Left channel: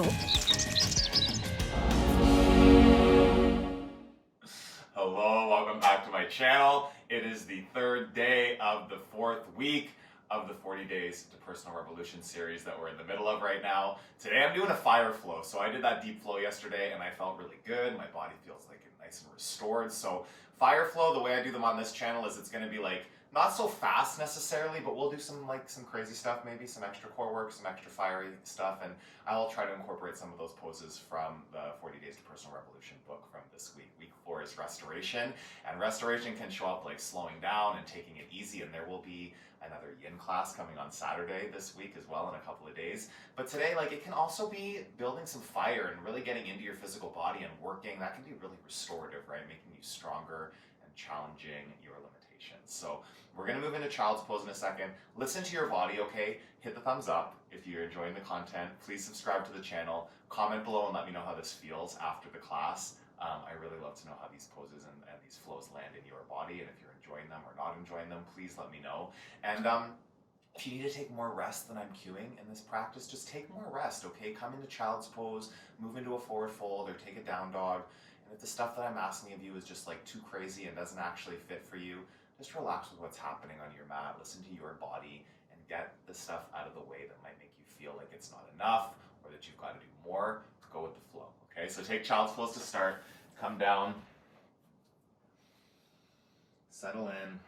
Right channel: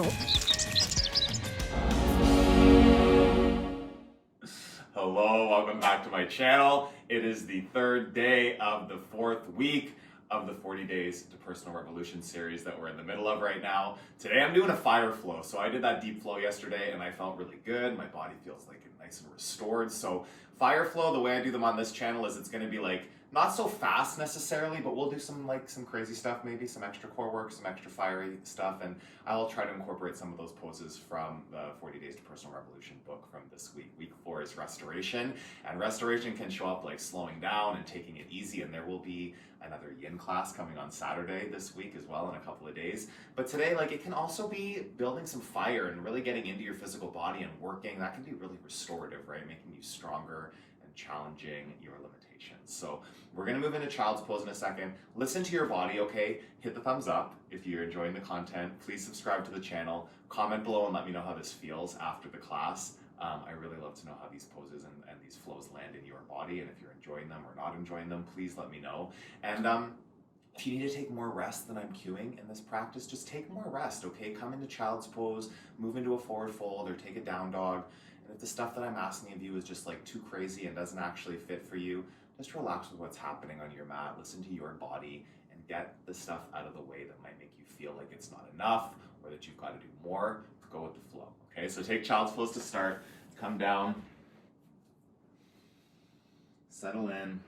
channel. Hello, welcome back to my channel. It is the third day of the fourth week of the 40 Days to Personal Revolution series that we're in the middle of right now. Today I'm doing a fire flow. So I did that deep flow yesterday and I felt really good. My body feels like nice and restored. So fire flow, the way I do them on this channel is it's going to be like not so fast necessarily, but we'll do some crazy stuff, maybe some extra core work, some extra fiery stuff, and I will try to incorporate some of those poses from the 40 Days to Personal Revolution book from this week. Week 4 is restoration, and restoration can show up like slowing down and taking it easy, and there will be another yin class coming on Saturday this week as well in a couple of days. But today, it can also be building some fire and really getting into your physical body and working. That can be really restorative, right? Making you stronger and challenging your limitations. So we're going to move into child's pose in a second. Listen to your body, okay? Hit the thumbs up if you're enjoying the content. Please subscribe to the channel. Comment below and let me know how this feels after the class. I really love to know how these poses and these flows land in your body, and if you're enjoying them or not enjoying them, please let me know. And if you need to take more rest than I'm cueing in this practice, just take more rest, okay? Come into child's pose, move into a forward fold, or take a down dog. And if the stuff that I'm asking of you is just too crazy and doesn't actually fit for you, just relax with what's happening on your mat, listen to your body, and get the stuff out of the way that might make you feel like it's not enough or that you've got to do more. Go with the flow, okay? So take child's pose to start, come down, settle in.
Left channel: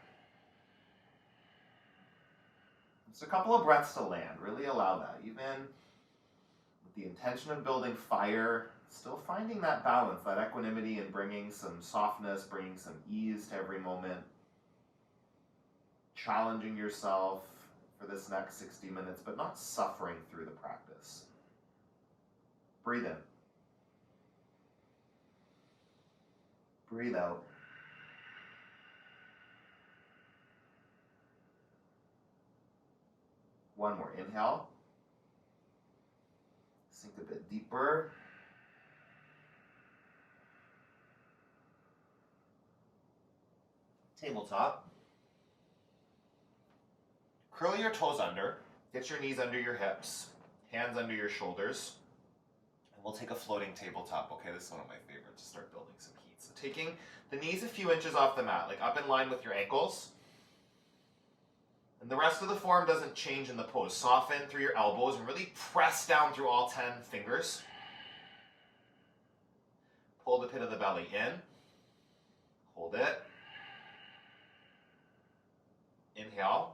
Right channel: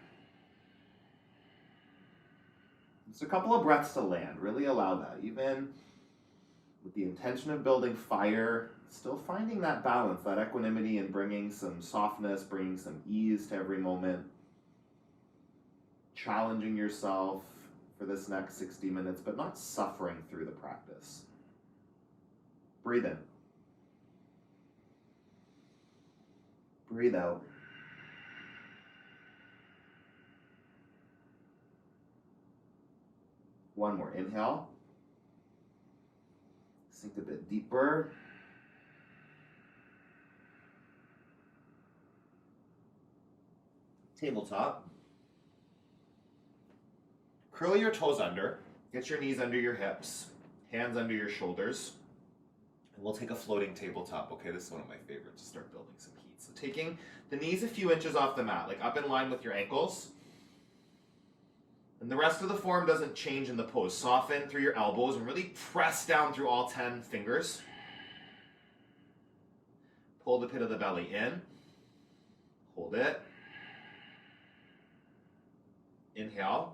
Just a couple of breaths to land, really allow that. Even with the intention of building fire, still finding that balance, that equanimity, and bringing some softness, bringing some ease to every moment. Challenging yourself for this next 60 minutes, but not suffering through the practice. Breathe in. Breathe out. One more. Inhale. Sink a bit deeper. Tabletop. Curl your toes under, get your knees under your hips, hands under your shoulders, and we'll take a floating tabletop, okay? This is one of my favorites to start building some heat. So taking the knees a few inches off the mat, up in line with your ankles, and the rest of the form doesn't change in the pose. Soften through your elbows and really press down through all 10 fingers. Pull the pit of the belly in, hold it, inhale.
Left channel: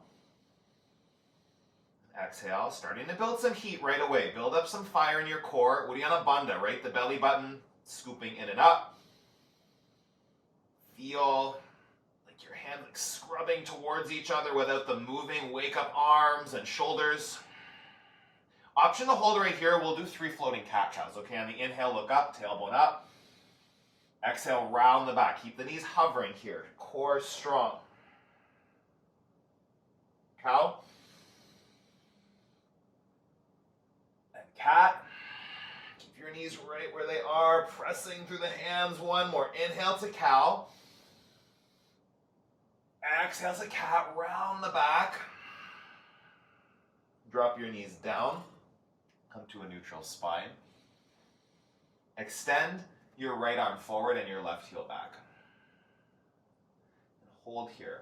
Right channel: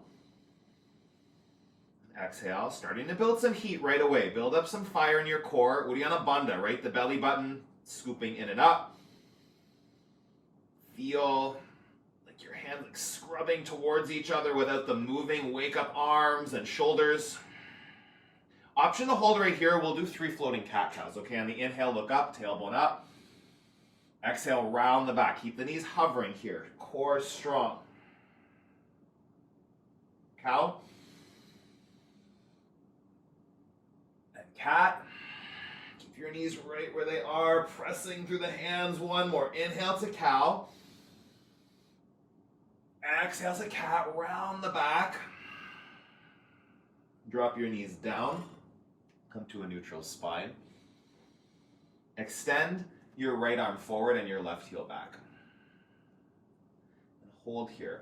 Exhale, starting to build some heat right away. Build up some fire in your core. Uddiyana Bandha, right? The belly button scooping in and up. Feel like your hands scrubbing towards each other without them moving. Wake up arms and shoulders. Option to hold right here. We'll do 3 floating cat-cows. Okay, on the inhale, look up, tailbone up. Exhale, round the back. Keep the knees hovering here. Core strong. Cow. Cat. Keep your knees right where they are, pressing through the hands. One more. Inhale to cow. Exhale to cat, round the back. Drop your knees down. Come to a neutral spine. Extend your right arm forward and your left heel back. And hold here.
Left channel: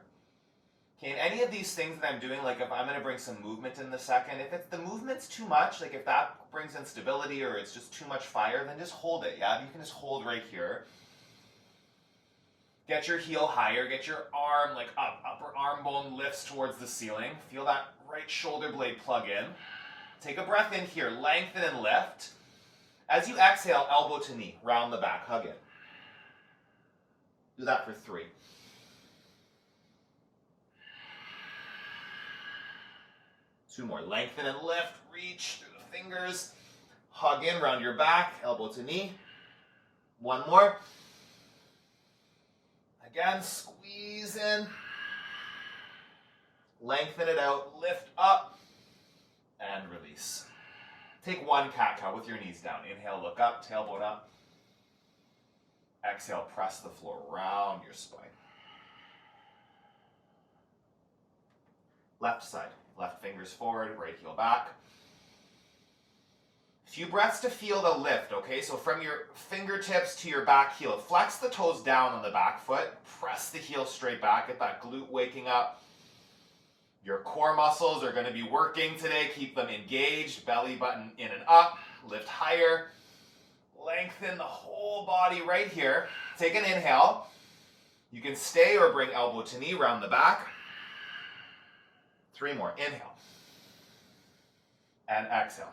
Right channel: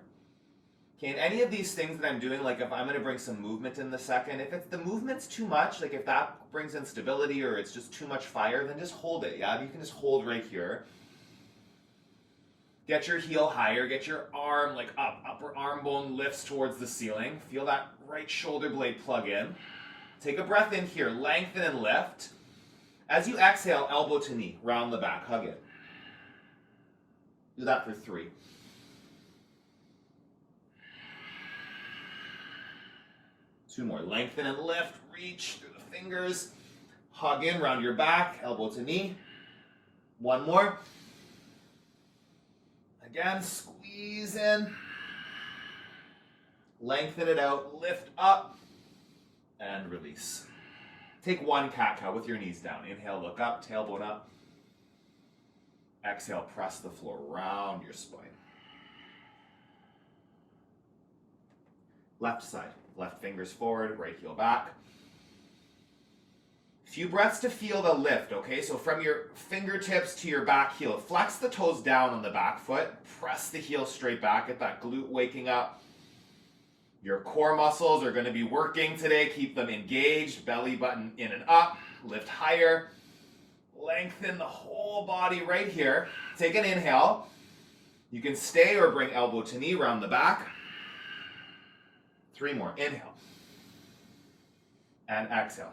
Okay, and any of these things that I'm doing, if I'm going to bring some movement in the second, if the movement's too much, if that brings instability or it's just too much fire, then just hold it, yeah? You can just hold right here. Get your heel higher, get your arm up, upper arm bone lifts towards the ceiling. Feel that right shoulder blade plug in. Take a breath in here, lengthen and lift. As you exhale, elbow to knee, round the back, hug it. Do that for 3. Two more. Lengthen and lift. Reach through the fingers. Hug in, round your back. Elbow to knee. One more. Again, squeeze in. Lengthen it out. Lift up. And release. Take 1 cat-cow with your knees down. Inhale, look up. Tailbone up. Exhale, press the floor. Round your spine. Left side. Left fingers forward, right heel back. Few breaths to feel the lift, okay? So from your fingertips to your back heel, flex the toes down on the back foot, press the heel straight back, get that glute waking up. Your core muscles are going to be working today. Keep them engaged, belly button in and up, lift higher. Lengthen the whole body right here. Take an inhale. You can stay or bring elbow to knee, round the back. 3 more. Inhale. And exhale.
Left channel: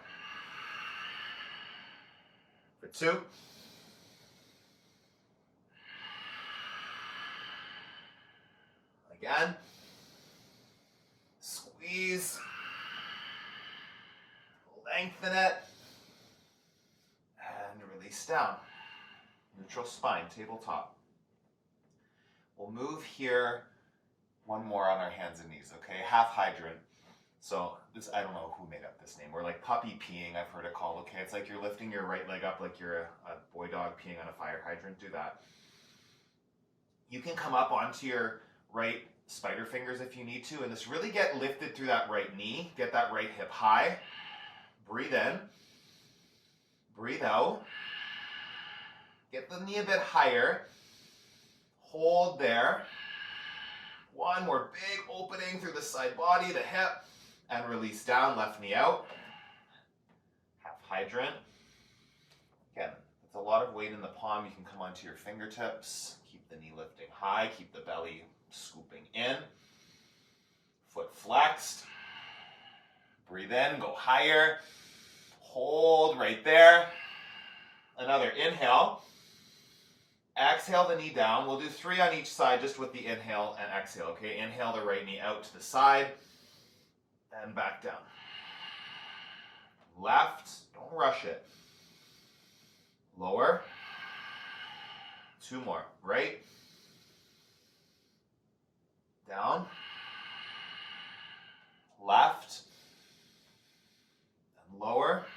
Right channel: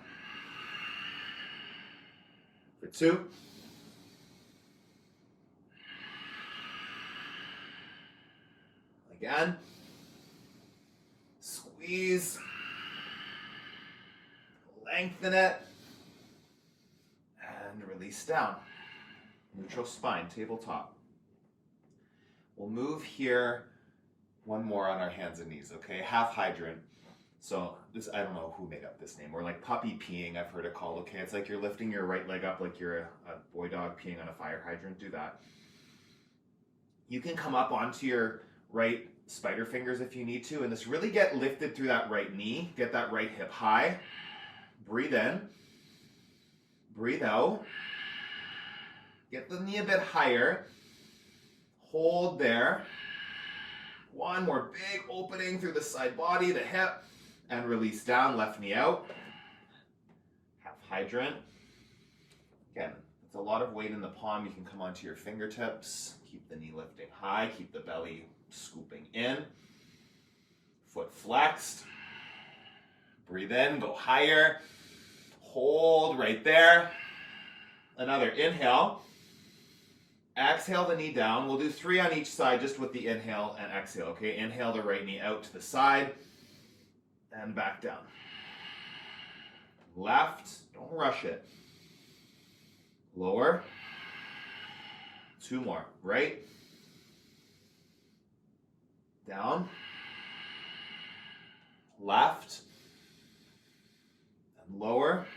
For 2. Again. Squeeze. Lengthen it. And release down. Neutral spine, tabletop. We'll move here. One more on our hands and knees, okay? Half hydrant. So this, I don't know who made up this name. Or like puppy peeing, I've heard it called, okay? It's like you're lifting your right leg up like you're a boy dog peeing on a fire hydrant. Do that. You can come up onto your right spider fingers if you need to, and just really get lifted through that right knee. Get that right hip high. Breathe in. Breathe out. Get the knee a bit higher. Hold there. One more big opening through the side body, the hip, and release down, left knee out. Half hydrant. Again, it's a lot of weight in the palm. You can come onto your fingertips. Keep the knee lifting high. Keep the belly scooping in. Foot flexed. Breathe in, go higher. Hold right there. Another inhale. Exhale the knee down. We'll do 3 on each side just with the inhale and exhale, okay? Inhale the right knee out to the side and back down. Left, don't rush it. Lower. 2 more. Right. Down. Left. And lower.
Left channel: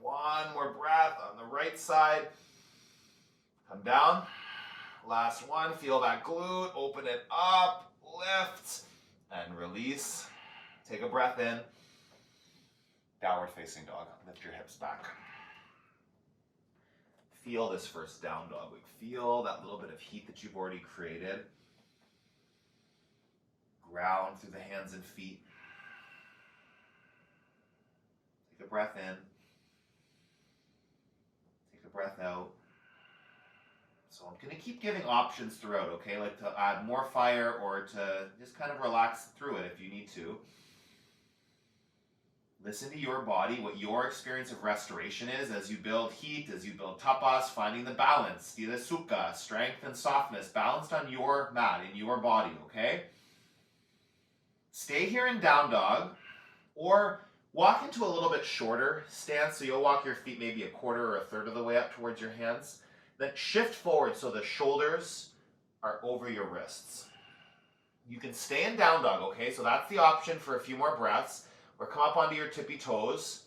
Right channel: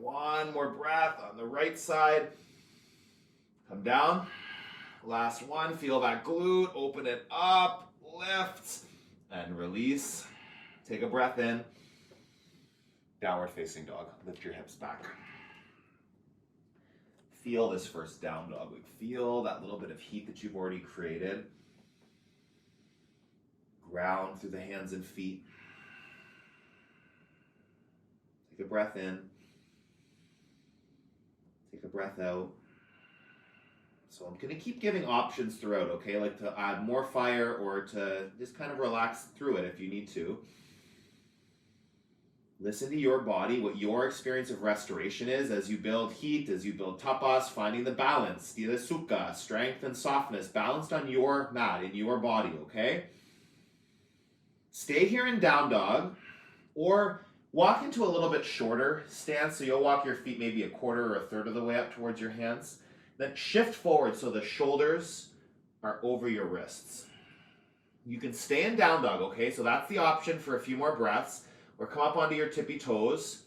1 more breath on the right side. Come down. Last one. Feel that glute. Open it up. Lift. And release. Take a breath in. Downward facing dog. Lift your hips back. Feel this first down dog. Feel that little bit of heat that you've already created. Ground through the hands and feet. Take a breath in. Take a breath out. So I'm going to keep giving options throughout, okay? Like to add more fire or to just kind of relax through it if you need to. Listen to your body, what your experience of restoration is as you build heat, as you build tapas, finding the balance, stila sukha, strength and softness, balanced on your mat, in your body, okay? Stay here in down dog or walk into a little bit shorter stance. So you'll walk your feet maybe a quarter or a third of the way up towards your hands. Then shift forward so the shoulders are over your wrists. You can stay in down dog, okay? So that's the option for a few more breaths. Or come up onto your tippy toes.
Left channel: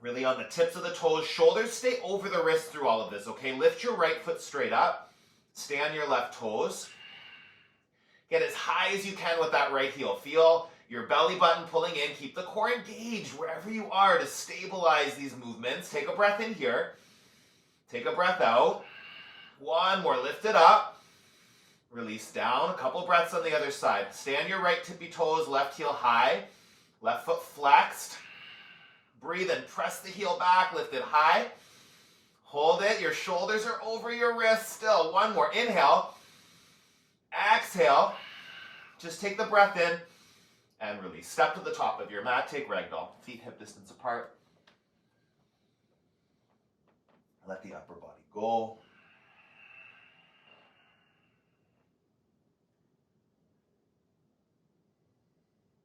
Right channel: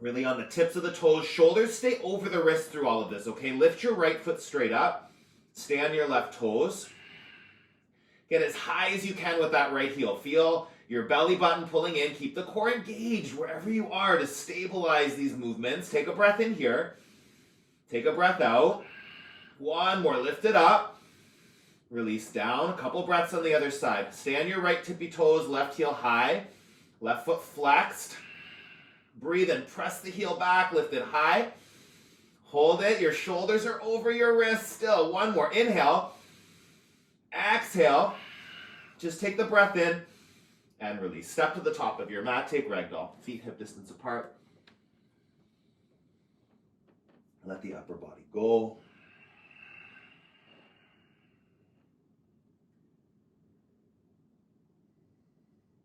Really on the tips of the toes. Shoulders stay over the wrist through all of this, okay? Lift your right foot straight up. Stay on your left toes. Get as high as you can with that right heel. Feel your belly button pulling in. Keep the core engaged wherever you are to stabilize these movements. Take a breath in here. Take a breath out. 1 more. Lift it up. Release down. A couple breaths on the other side. Stay on your right tippy toes. Left heel high. Left foot flexed. Breathe and press the heel back. Lift it high. Hold it. Your shoulders are over your wrists still. 1 more. Inhale. Exhale. Just take the breath in and release. Step to the top of your mat. Take ragdoll. Feet hip distance apart. Let the upper body go.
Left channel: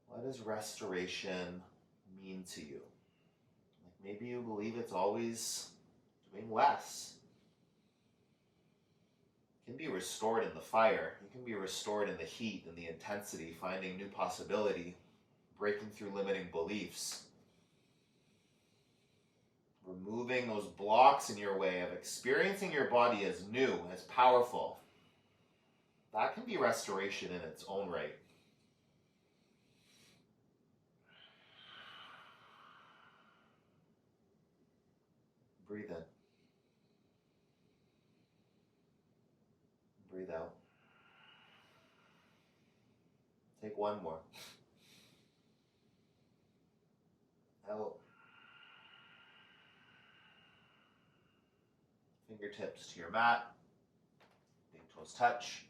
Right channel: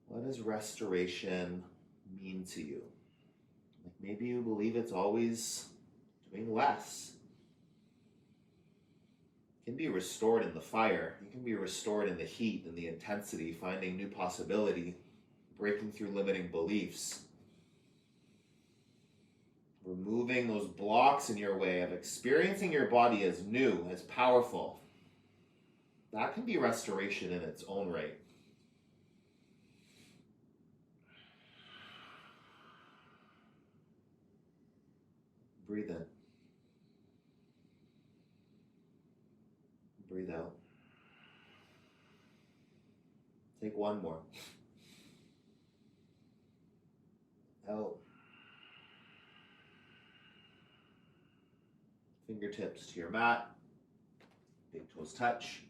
What does restoration mean to you? Like maybe you believe it's always doing less. You can be restored in the fire. You can be restored in the heat and the intensity, finding new possibility, breaking through limiting beliefs. Removing those blocks in your way of experiencing your body as new, as powerful. That can be restoration in its own right. Breathe in. Breathe out. Take one more. Out. Fingertips to your mat. Big toes touch.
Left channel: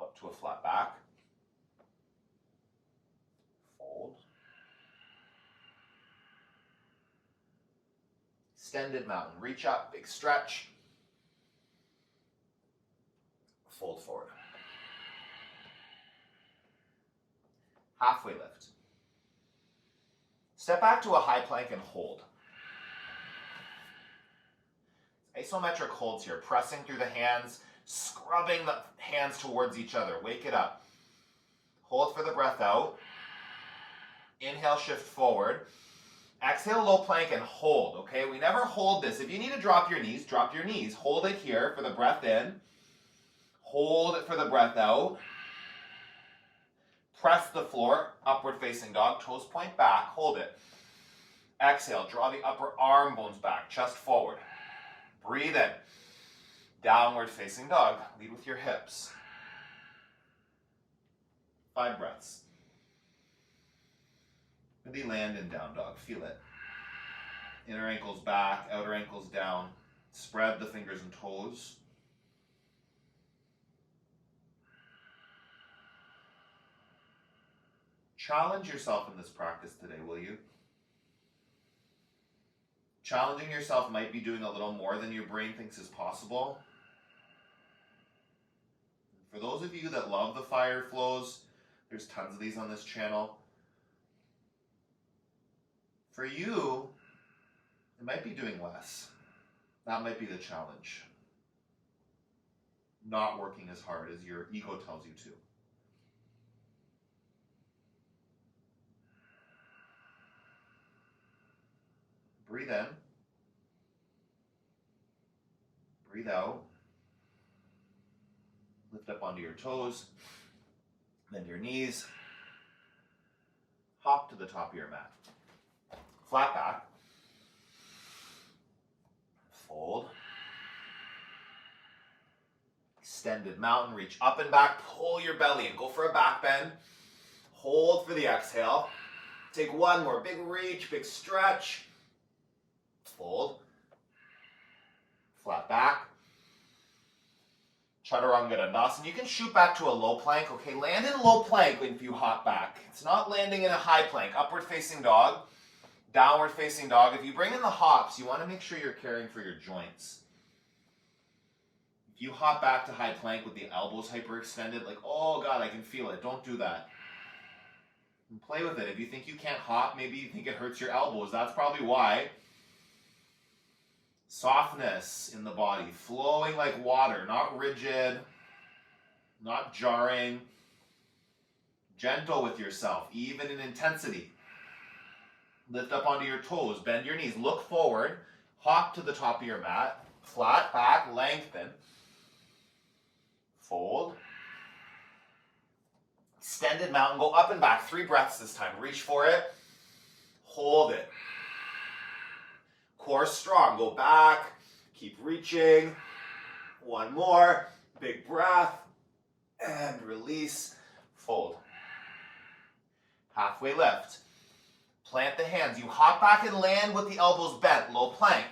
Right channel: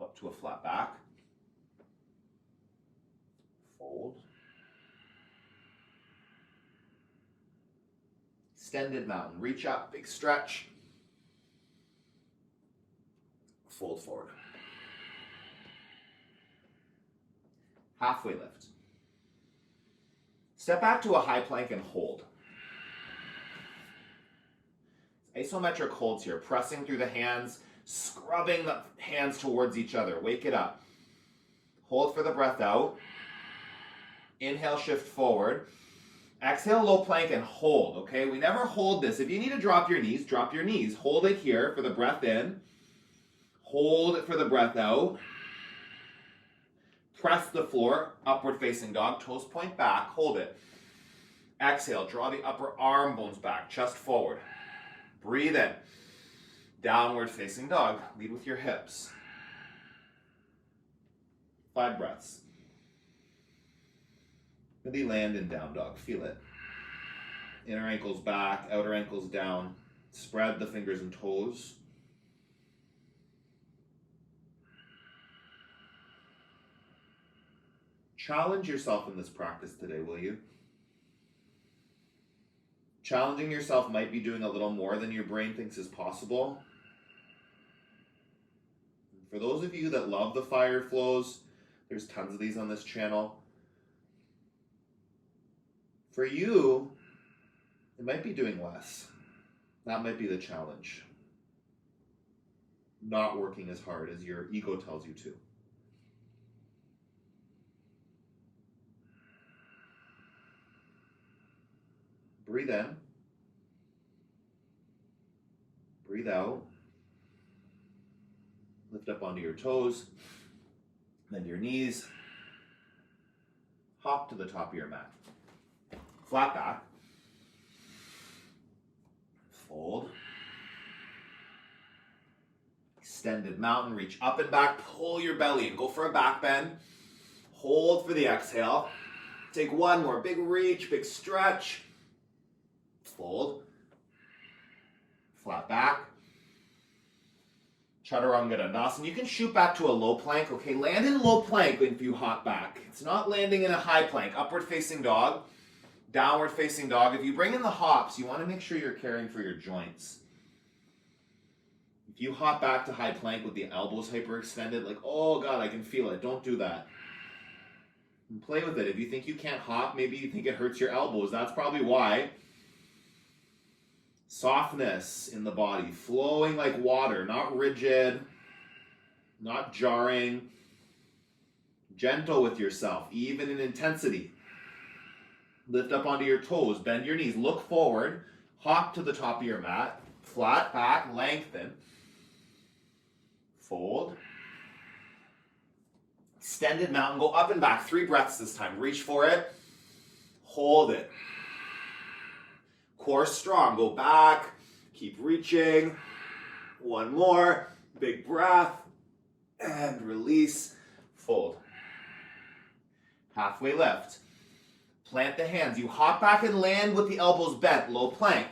Up to a flat back. Fold. Extended mountain. Reach up. Big stretch. Fold forward. Halfway lift. Step back to a high plank and hold. Isometric holds here, pressing through the hands, scrubbing the hands towards each other. Wake it up. Hold for the breath out. Inhale, shift forward. Exhale, low plank and hold, okay? We never hold this. If you need to drop your knees, drop your knees. Hold it here for the breath in. Hold it for the breath out. Press the floor, upward facing dog, toes point back, hold it. Exhale, draw the upper arm bones back, chest forward. Breathe in. Downward facing dog, lead with your hips. 5 breaths. Really land in down dog, feel it. Inner ankles back, outer ankles down. Spread the fingers and toes. Challenge yourself in this practice today, will you? Challenging yourself might be doing a little more than your brain thinks is possible. For those of you that love the fire flows, there's tons of these on this channel. For you, it might be doing less. That might be the challenge. Not working as hard as your ego tells you to. Breathe in. Breathe out. Lift up onto your toes. Bend your knees. Hop to the top of your mat. Flat back. Fold. Extended mountain. Reach up and back. Pull your belly in. Go for a back bend. Hold for the exhale. Take one more. Big reach. Big stretch. Fold. Flat back. Chaturanga Dandasana. You can shoot back to a low plank. Okay, land in low plank if you hop back. It's not landing in a high plank. Upward facing dog. Downward facing dog. If you bring in the hops, you want to make sure you're caring for your joints. If you hop back to high plank with the elbows hyperextended, like, oh God, I can feel it. Don't do that. And play with it. If you think you can't hop, maybe you think it hurts your elbows. That's probably why. Softness in the body, flowing like water, not rigid, not jarring, gentle with yourself, even in intensity. Lift up onto your toes, bend your knees, look forward, hop to the top of your mat, flat back, lengthen, fold, extended mountain, go up and back, 3 breaths this time, reach for it, hold it. Core strong, go back, keep reaching, one more, big breath, and release, fold. Halfway lift, plant the hands, you hop back and land with the elbows bent, low plank.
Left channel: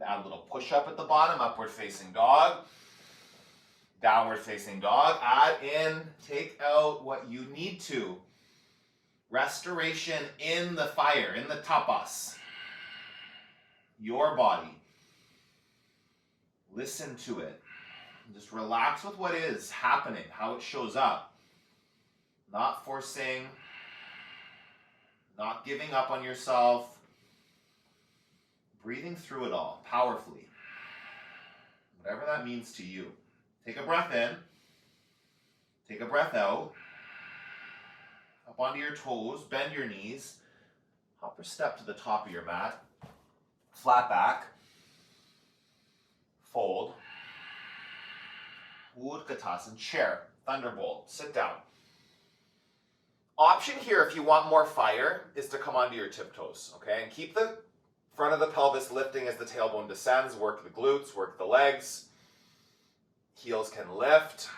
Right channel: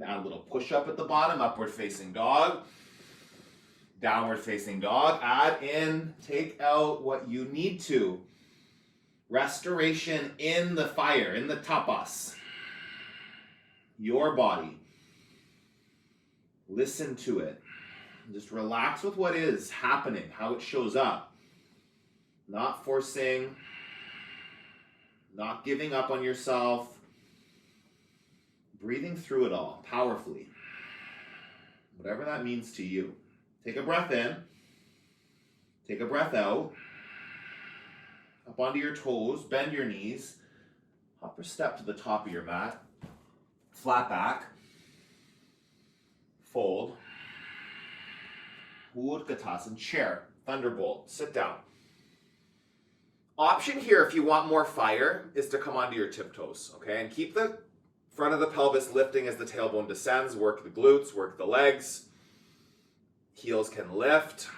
Now a little push up at the bottom, upward facing dog, downward facing dog, add in, take out what you need to. Restoration in the fire, in the tapas. Your body. Listen to it. Just relax with what is happening, how it shows up. Not forcing, not giving up on yourself. Breathing through it all, powerfully. Whatever that means to you. Take a breath in. Take a breath out. Up onto your toes, bend your knees. Hop or step to the top of your mat. Flat back, fold, Utkatasana, chair, thunderbolt, sit down. Option here, if you want more fire, is to come onto your tiptoes, okay? And keep the Front of the pelvis lifting as the tailbone descends. Work the glutes, work the legs. Heels can lift.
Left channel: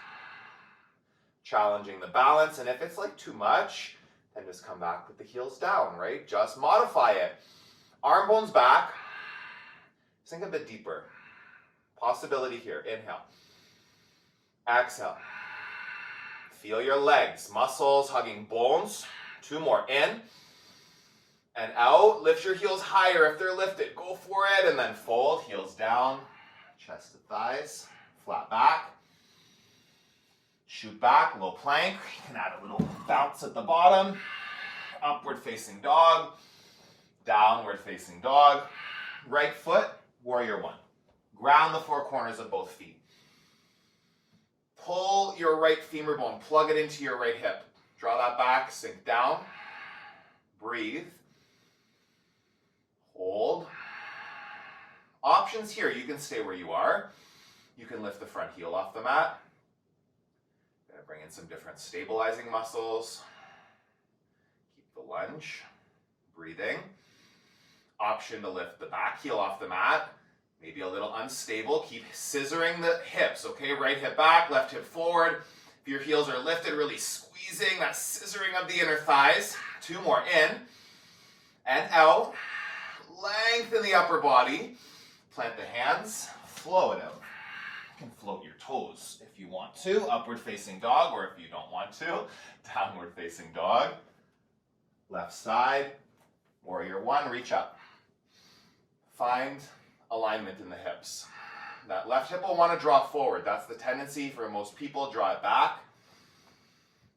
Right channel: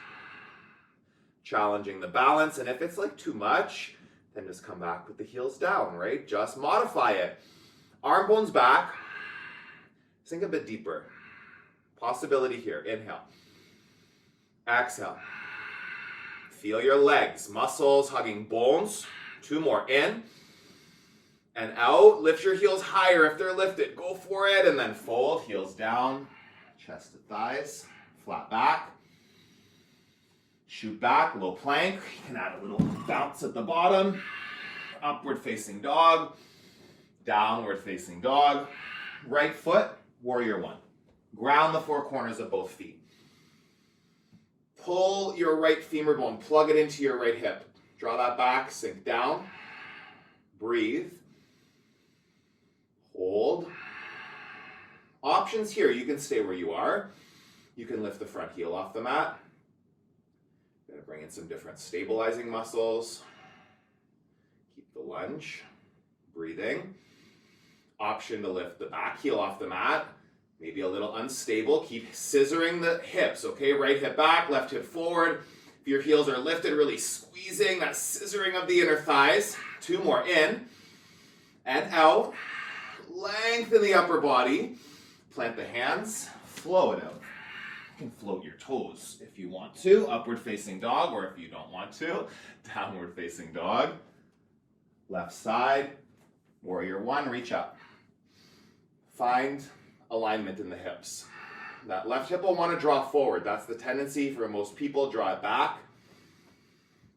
Challenging the balance. And if it's like too much, then just come back with the heels down, right? Just modify it. Arm bones back. Sink a bit deeper. Possibility here. Inhale. Exhale. Feel your legs, muscles hugging bones. 2 more. In and out. Lift your heels higher if they're lifted. Go for it. And then fold. Heels down. Chest to thighs. Flat back. Shoot back. Low plank. You can add a little bounce at the bottom. Upward facing dog. Downward facing dog. Right foot. Warrior one. Ground the 4 corners of both feet. Pull your right femur bone, plug it into your right hip. Draw that back, sink down. Breathe. Hold. Options here, you can stay where you are. You can lift the front heel off the mat. Gonna bring in some different stabilizing muscles. Keep the lunge. Breathing. Option to lift the back heel off the mat. Maybe a little unstable. Keep scissoring the hips, okay? Right hip back, left hip forward. If your heels are lifted, really squeezing that scissoring of the inner thighs. 2 more. In and out. Lengthen the upper body. Plant the hands. Flow it out. You can float your toes if you want to. Upward facing dog, or if you don't want to, downward facing dog. Left side. Warrior one, reach up. Find alignment in the hips. That left hip will want to draw forward. That's the tendency for most people. Draw it back.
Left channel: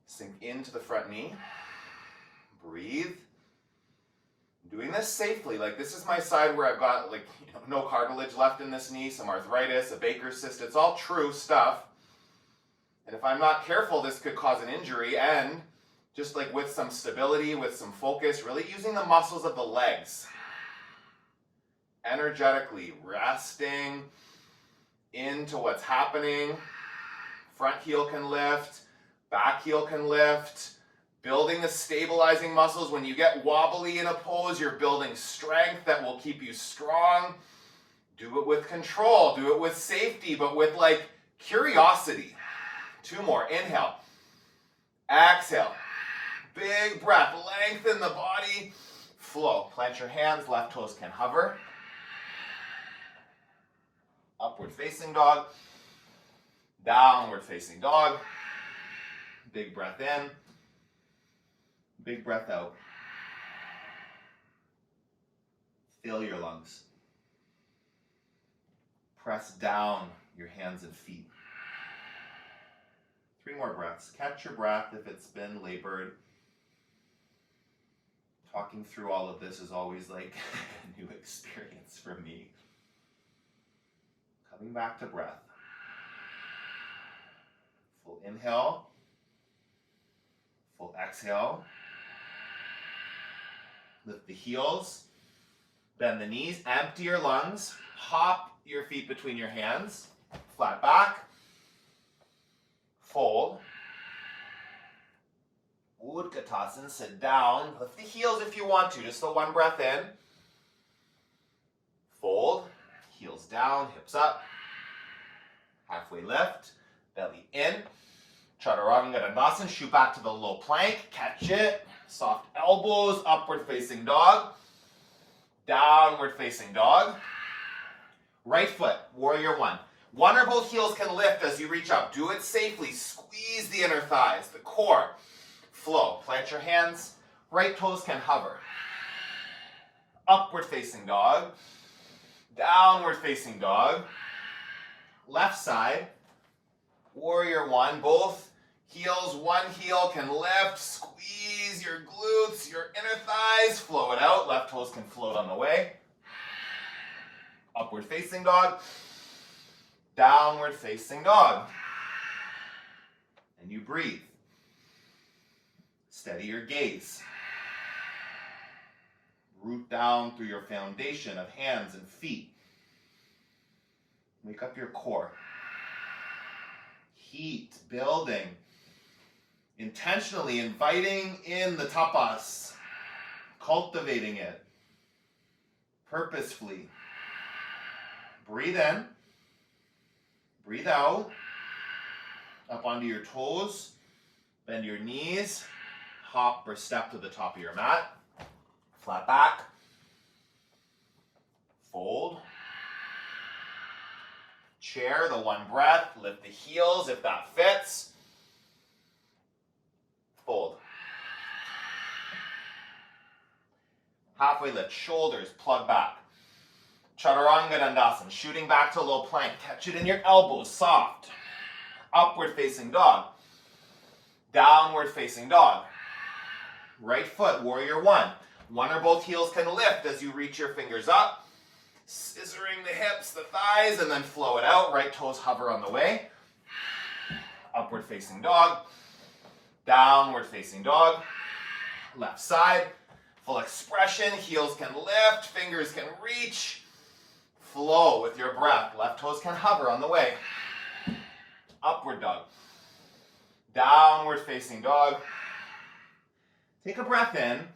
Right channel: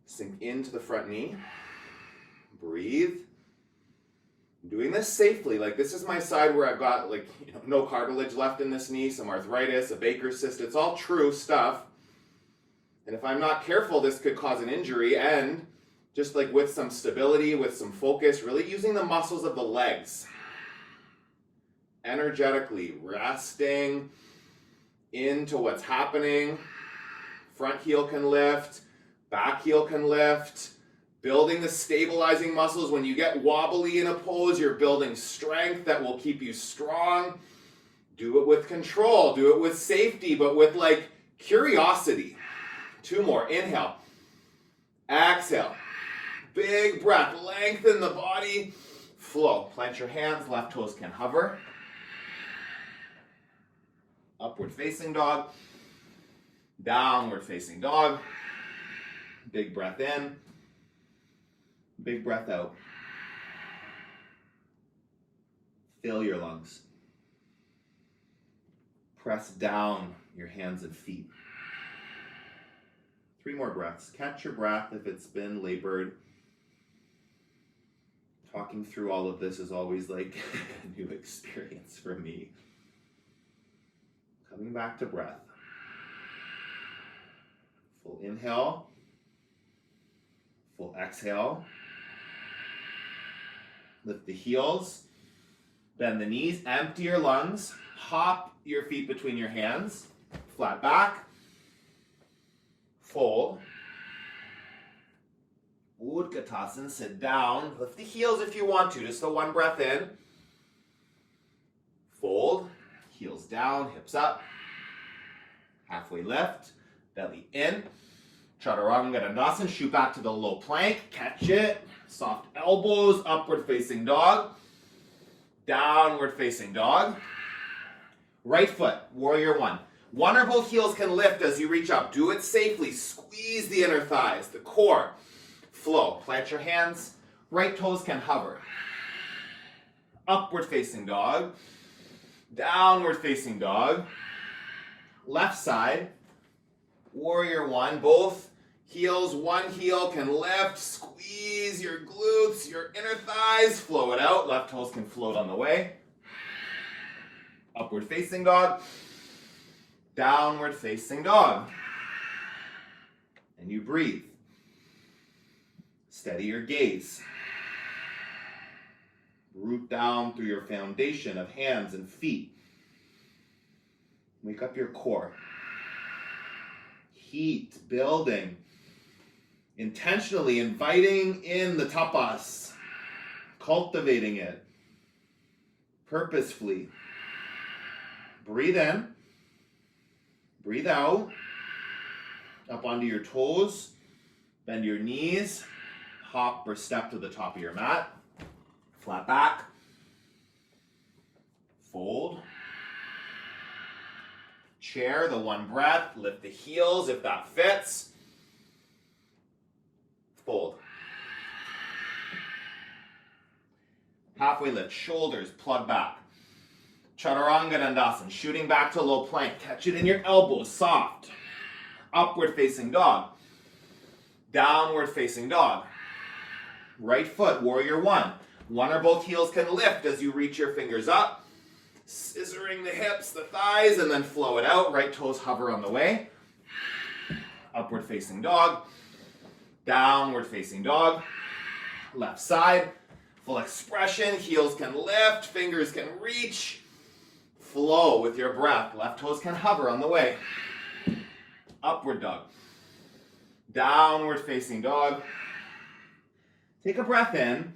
Sink into the front knee. Breathe. Doing this safely. Like, this is my side where I've got no cartilage left in this knee, some arthritis, a Baker's cyst. It's all true stuff. And if I'm not careful, this could cause an injury. And just like with some stability, with some focus, really using the muscles of the legs. Energetically resting into what's happening. Front heel can lift, back heel can lift. Building the stabilizing muscles. When you get wobbly in a pose, you're building strength that will keep you strong. Do it with control, do it with safety, but with curiosity. 2 more. Inhale. Exhale. Big breath. Lengthen the body. Flow. Plant your hands. Left toes can hover. Upward facing dog. Downward facing dog. Big breath in. Big breath out. Fill your lungs. Press down your hands and feet. 3 more breaths. Catch your breath if it's been labored. Talking through all of this is always a new experience for me. Coming back to breath. Full inhale. Full exhale. Lift the heels. Bend the knees. Empty your lungs. Hop your feet between your hands. Flat back. Fold. Utkatasana. Sit down. Lift the heels if you want to. Just the 1 breath in. Fold. Heels down, hips up. Halfway lift, belly in. Chaturanga Dandasana, shoot back to the low plank, catch it. Soft elbows, upward facing dog. Downward facing dog. Right foot, warrior one. One or both heels can lift as you reach up. Do it safely. Squeeze the inner thighs, the core. Flow. Plant your hands. Right toes can hover. Upward facing dog. Downward facing dog. Left side. Warrior one. Both heels. One heel can lift. Squeeze your glutes, your inner thighs. Flow it out. Left toes can float on the way. Upward facing dog. Downward facing dog. And you breathe. Steady your gaze. Root down through your foundation of hands and feet. Wake up your core. Heat building. Intentionally inviting in the tapas. Cultivating it. purposefully. Breathe in. Breathe out. Up onto your toes. Bend your knees. Hop or step to the top of your mat. Flat back. Fold. Chair, the one breath. Lift the heels if that fits. Fold. Halfway lift, shoulders, plug back. Chaturanga Dandasana, shooting back to low plank. Catch it in your elbows, soft. Upward facing dog. Downward facing dog. Right foot, warrior one. One or both heels can lift as you reach your fingers up. Scissoring the hips, the thighs, and then flow it out. Right toes hover on the way. Upward facing dog. Downward facing dog. Left side. Full expression, heels can lift, fingers can reach. Flow with your breath. Left toes can hover on the way. Upward dog. Downward facing dog. Take a breath in.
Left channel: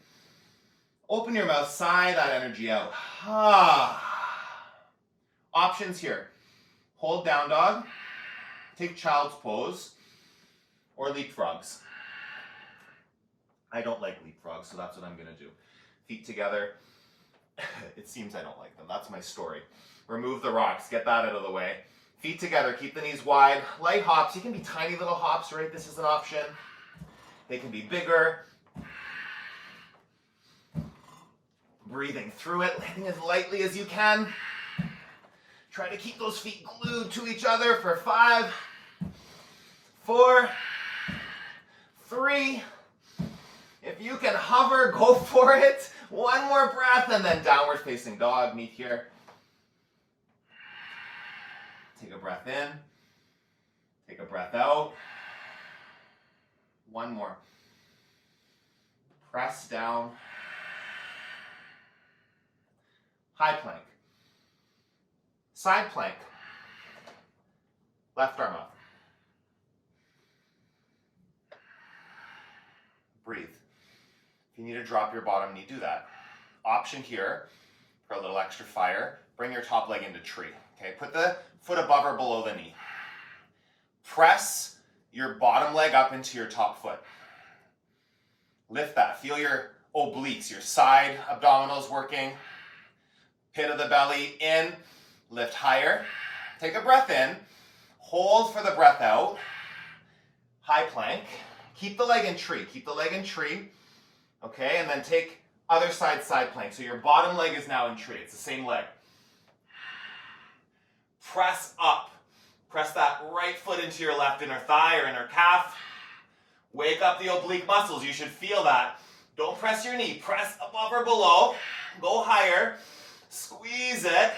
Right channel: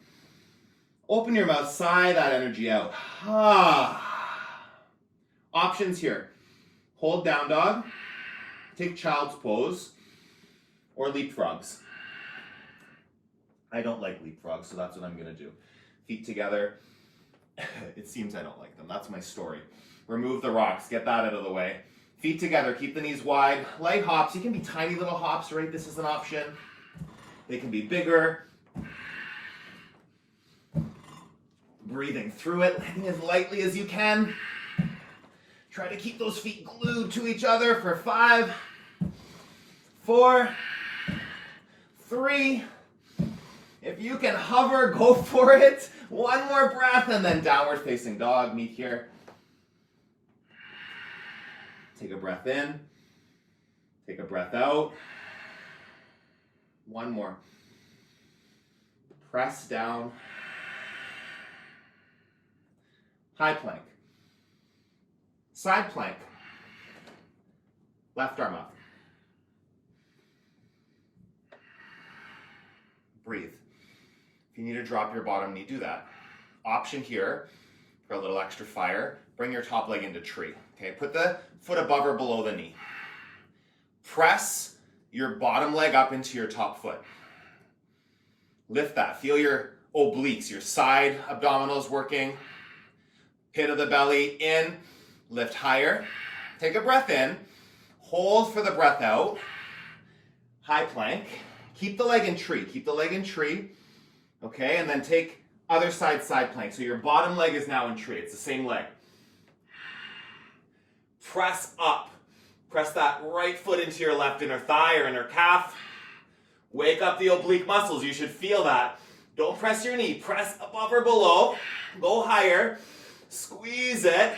Open your mouth, sigh that energy out. Options here. Hold down dog. Take child's pose. Or leapfrogs. I don't like leapfrogs, so that's what I'm going to do. Feet together. It seems I don't like them. That's my story. Remove the rocks. Get that out of the way. Feet together. Keep the knees wide. Light hops. You can be tiny little hops, right? This is an option. They can be bigger. Breathing through it. Landing as lightly as you can. Try to keep those feet glued to each other for 5, 4, 3. If you can hover, go for it. One more breath and then downward facing dog. Meet here. Take a breath in. Take a breath out. One more. Press down. High plank. Side plank. Left arm up. Breathe. If you need to drop your bottom knee, do that. Option here for a little extra fire, bring your top leg into tree. Okay, put the foot above or below the knee. Press your bottom leg up into your top foot. Lift that. Feel your obliques, your side abdominals working. Pit of the belly in. Lift higher. Take a breath in. Hold for the breath out. High plank. Keep the leg in tree. Keep the leg in tree. Okay, and then take other side plank. So your bottom leg is now in tree. It's the same leg. Press up. Press that right foot into your left inner thigh or inner calf. Wake up the oblique muscles. You should feel that. Don't press your knee. Press above or below. Go higher. Squeeze it.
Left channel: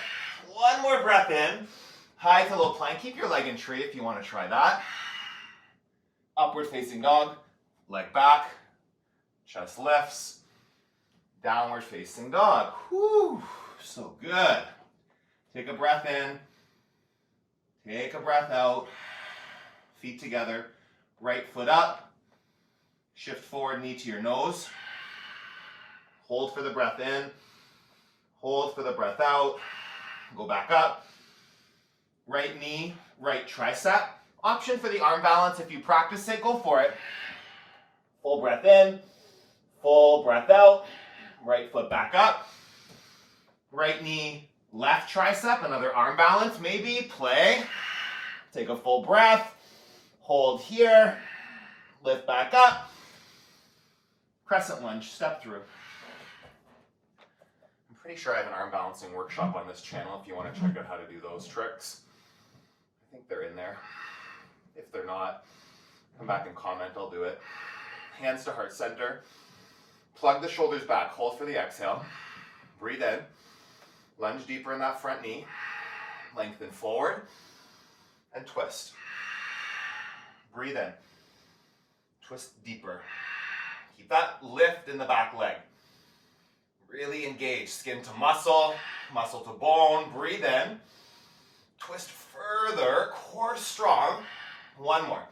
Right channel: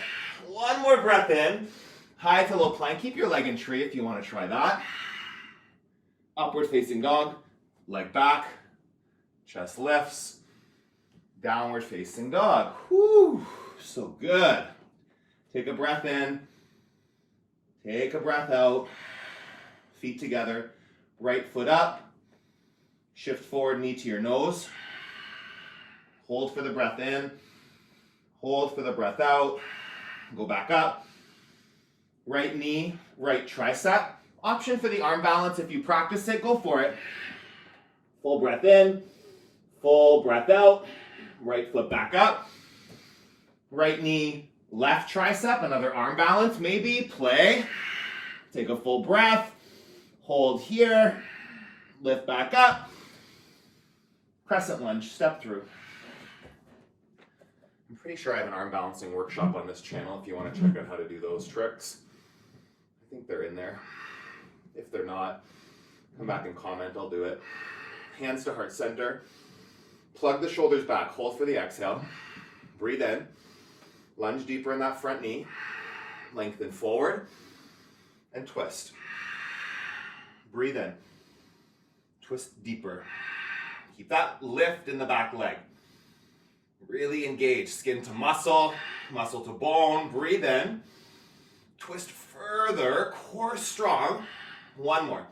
One more breath in. High to low plank. Keep your leg in tree if you want to try that. Upward facing dog. Leg back. Chest lifts. Downward facing dog. Whew, so good. Take a breath in. Take a breath out. Feet together. Right foot up. Shift forward, knee to your nose. Hold for the breath in. Hold for the breath out. Go back up. Right knee, right tricep. Option for the arm balance. If you practice it, go for it. Full breath in. Full breath out. Right foot back up. Right knee, left tricep. Another arm balance. Maybe play. Take a full breath. Hold here. Lift back up. Crescent lunge. Step through. I'm pretty sure I have an arm balancing workshop on this channel if you want to check out how to do those tricks. I think they're in there. If they're not, come back and comment. I'll do it. Hands to heart center. Plug the shoulders back. Hold for the exhale. Breathe in. Lunge deeper in that front knee. Lengthen forward. And twist. Breathe in. Twist deeper. Keep that lift in the back leg. Really engage. Skin to muscle. Muscle to bone. Breathe in. Twist further. Core strong. One more.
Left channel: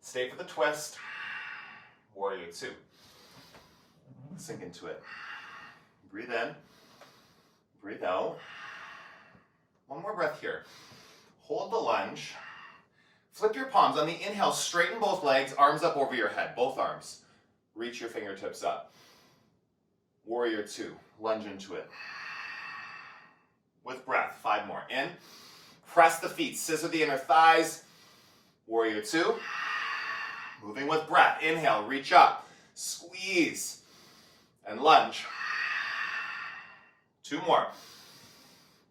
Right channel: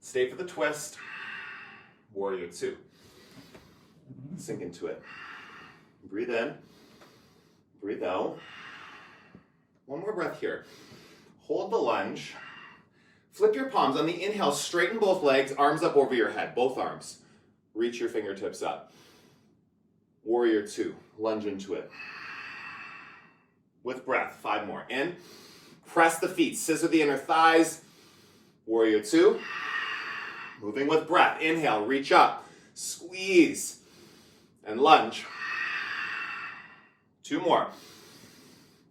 Stay for the twist. Warrior two. Sink into it. Breathe in. Breathe out. One more breath here. Hold the lunge. Flip your palms. On the inhale, straighten both legs, arms up over your head, both arms. Reach your fingertips up. Warrior two, lunge into it. With breath, 5 more. In, press the feet, scissor the inner thighs. Warrior two. Moving with breath. Inhale, reach up, squeeze, and lunge. 2 more.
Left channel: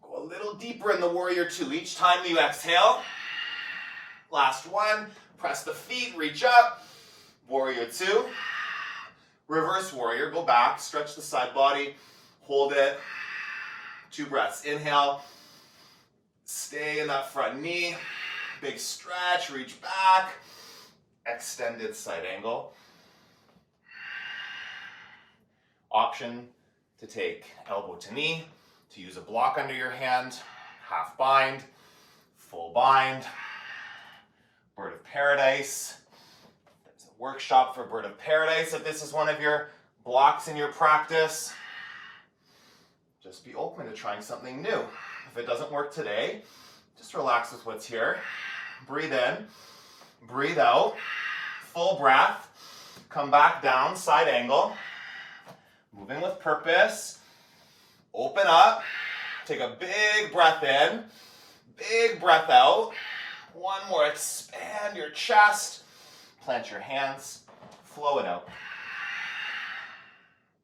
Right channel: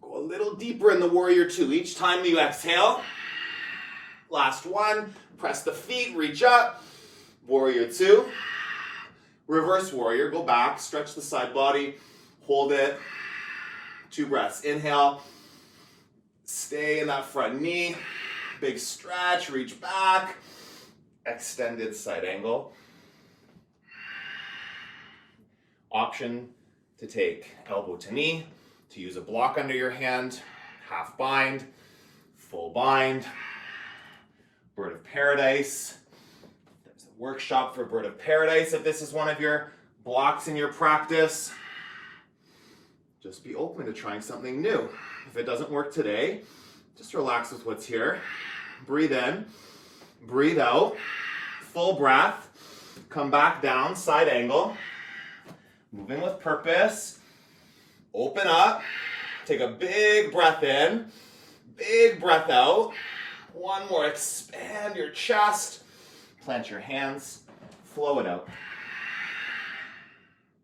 Go a little deeper in the warrior two. Each time you exhale. Last one. Press the feet, reach up. Warrior two. Reverse warrior, go back, stretch the side body, hold it. 2 breaths. Inhale. Stay in that front knee. Big stretch, reach back. Extended side angle. Option to take elbow to knee, to use a block under your hand, half bind, full bind, bird of paradise. There's a workshop for bird of paradise if this is one of your blocks in your practice. Just be open to trying something new. If it doesn't work today, just relax with what's here. Breathe in, breathe out, full breath, come back down, side angle. Moving with purpose. Open up. Take a big breath in. Big breath out. One more. Expand your chest. Plant your hands. Flow it out.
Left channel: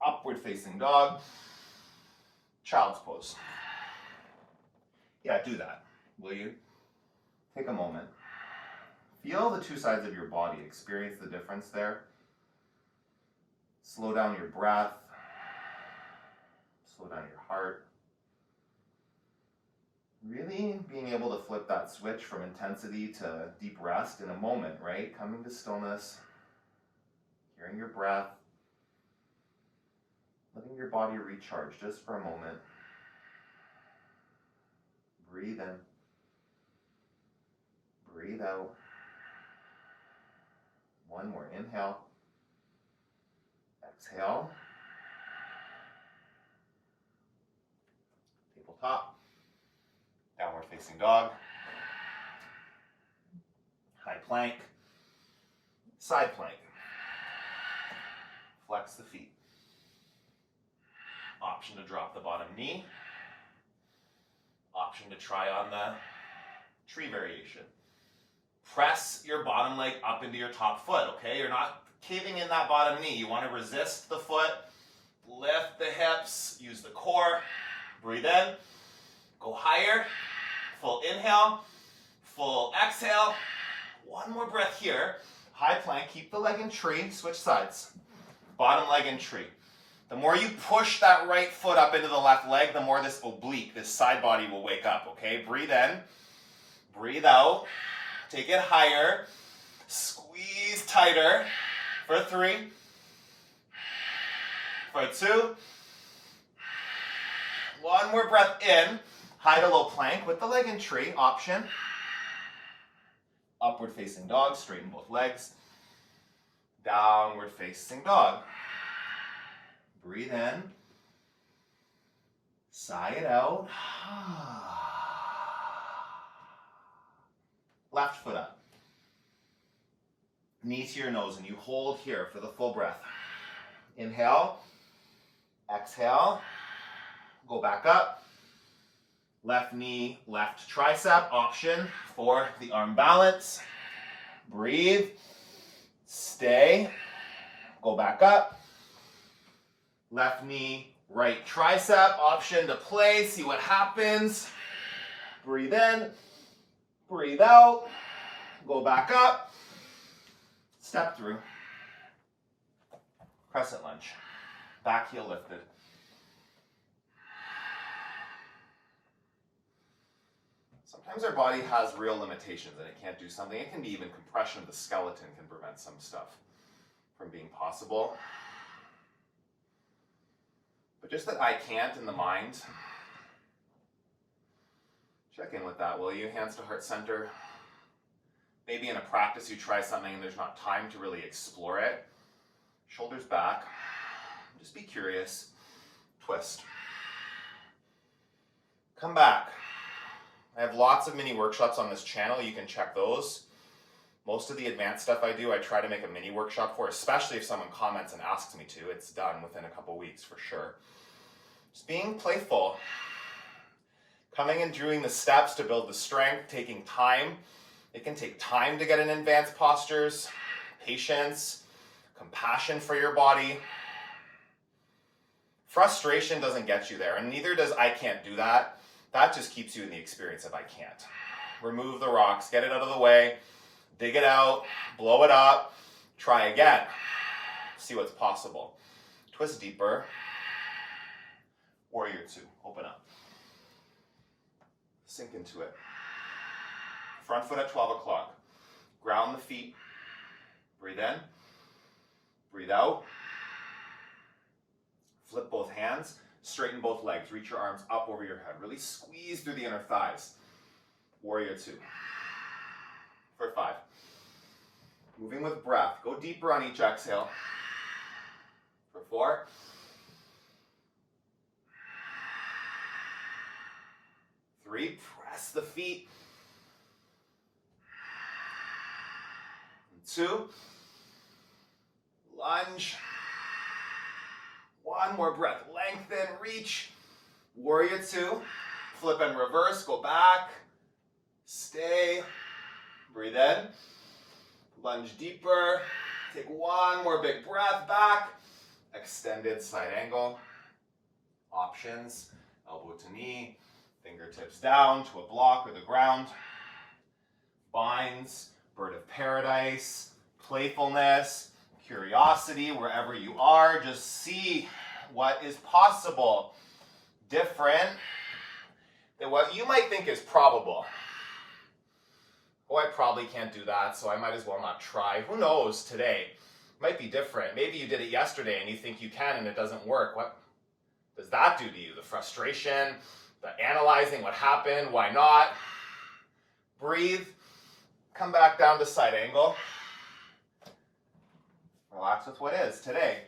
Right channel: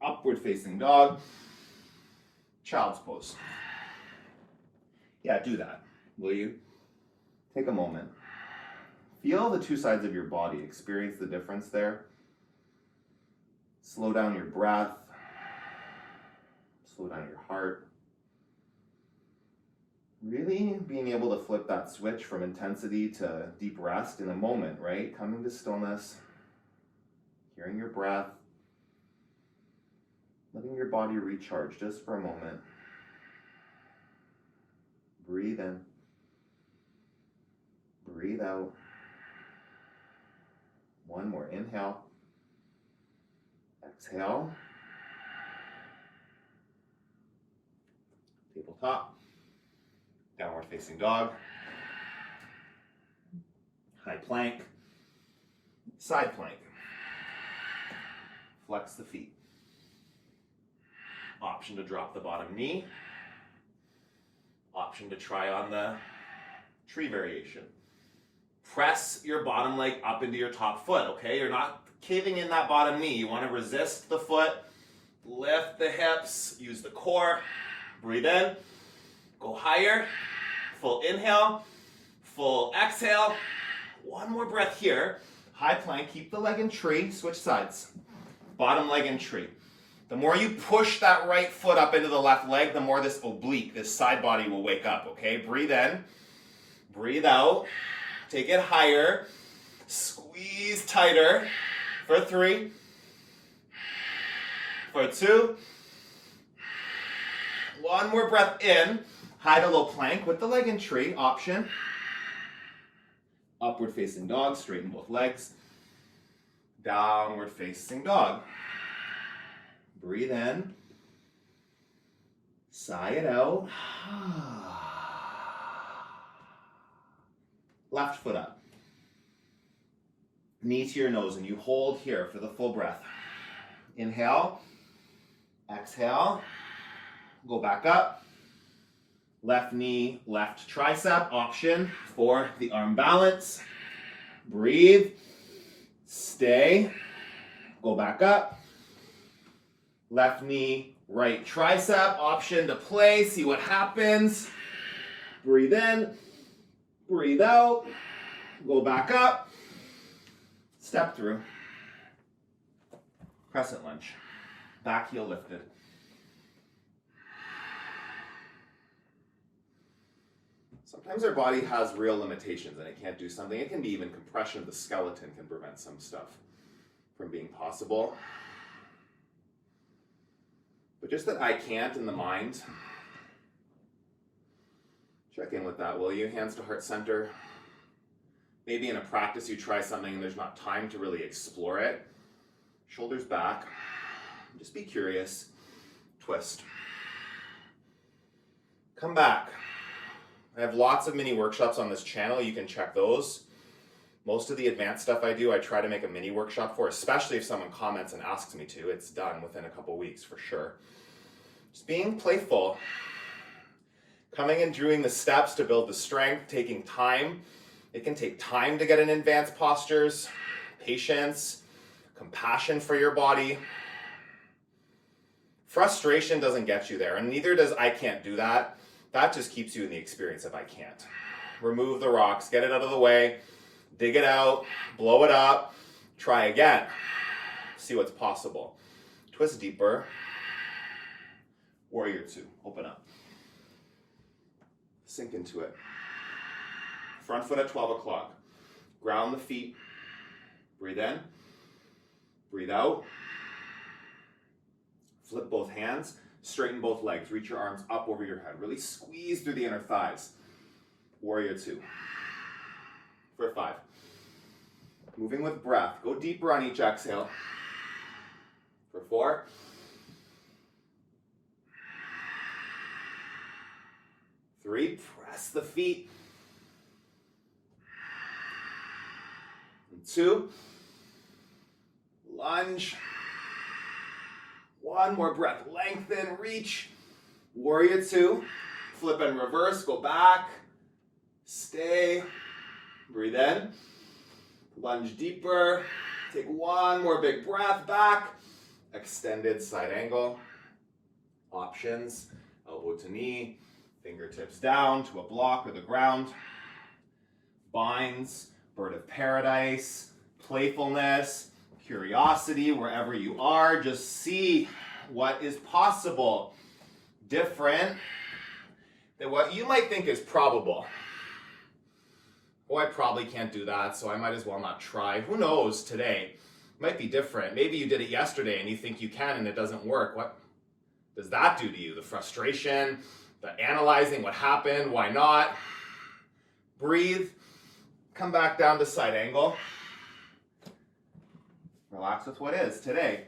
Upward facing dog. Child's pose. Yeah, do that. Will you? Take a moment. Feel the 2 sides of your body. Experience the difference there. Slow down your breath. Slow down your heart. Really being able to flip that switch from intensity to deep rest in a moment, right? Coming to stillness, hearing your breath, letting your body recharge just for a moment. Breathe in. Breathe out. One more. Inhale. Exhale. Tabletop. Downward facing dog. High plank. Side plank. Flex the feet. Option to drop the bottom knee. Option to try on the tree variation. Press your bottom leg up into your top foot, okay? You're not caving in that bottom knee. You want to resist the foot. Lift the hips. Use the core. Breathe in. Go higher. Full inhale. Full exhale. One more breath here. High plank. Keep the leg in tree. Switch sides. Bottom leg in tree. The more you push that right foot up into the left leg, the more this oblique, this side body will wake up, okay? Breathe in. Breathe out. Take it higher. Squeeze tighter. For 3. For 2. One more breath in. High to low plank with the leg in tree. Option. Upward facing dog. Straighten both legs. Downward facing dog. Breathe in. Sigh it out. Left foot up. Knee to your nose, and you hold here for the full breath. Inhale. Exhale. Go back up. Left knee, left tricep. Option for the arm balance. Breathe. Stay. Go back up. Left knee, right tricep. Option to play. See what happens. Breathe in. Breathe out. Go back up. Step through. Crescent lunge. Back heel lifted. Sometimes our body has real limitations and it can't do something. It can be even compression of the skeleton can prevent some stuff from being possible. But just that I can't in the mind, check in with that, will you? Hands to heart center. Maybe in a practice you try something and there's not time to really explore it. Shoulders back. Just be curious. Twist. Come back. I have lots of mini workshops on this channel. You can check those. Most of the advanced stuff I do, I try to make a mini workshop for, especially if someone comments and asks me to. It's done within a couple weeks for sure. Just being playful. Coming and doing the steps to build the strength, taking time. It can take time to get in advanced postures, patience, compassion for your body. Frustration doesn't get you there, and neither does I can't do that. That just keeps you in the experience of I can't. Remove the rocks, get it out of the way, dig it out, blow it up, try again. See what's possible. Twist deeper. Warrior two, open up. Sink into it. Front foot at 12 o'clock. Ground the feet. Breathe in. Breathe out. Flip both hands. Straighten both legs. Reach your arms up over your head. Really squeeze through the inner thighs. Warrior two. For 5. Moving with breath. Go deeper on each exhale. For 4. 3. Press the feet. And 2. Lunge. 1 more breath. Lengthen, reach. Warrior two. Flip and reverse. Go back. Stay. Breathe in. Lunge deeper. Take 1 more big breath back. Extended side angle. Options. Elbow to knee. Fingertips down to a block or the ground. Binds. Bird of paradise. Playfulness. Curiosity wherever you are. Just see what is possible. Different than what you might think is probable. Oh, I probably can't do that, so I might as well not try. Who knows today? It might be different. Maybe you did it yesterday and you think you can and it doesn't work. What does that do to you? The frustration, the analyzing what happened, why not? Breathe. Come back down to side angle. Relax with what is today.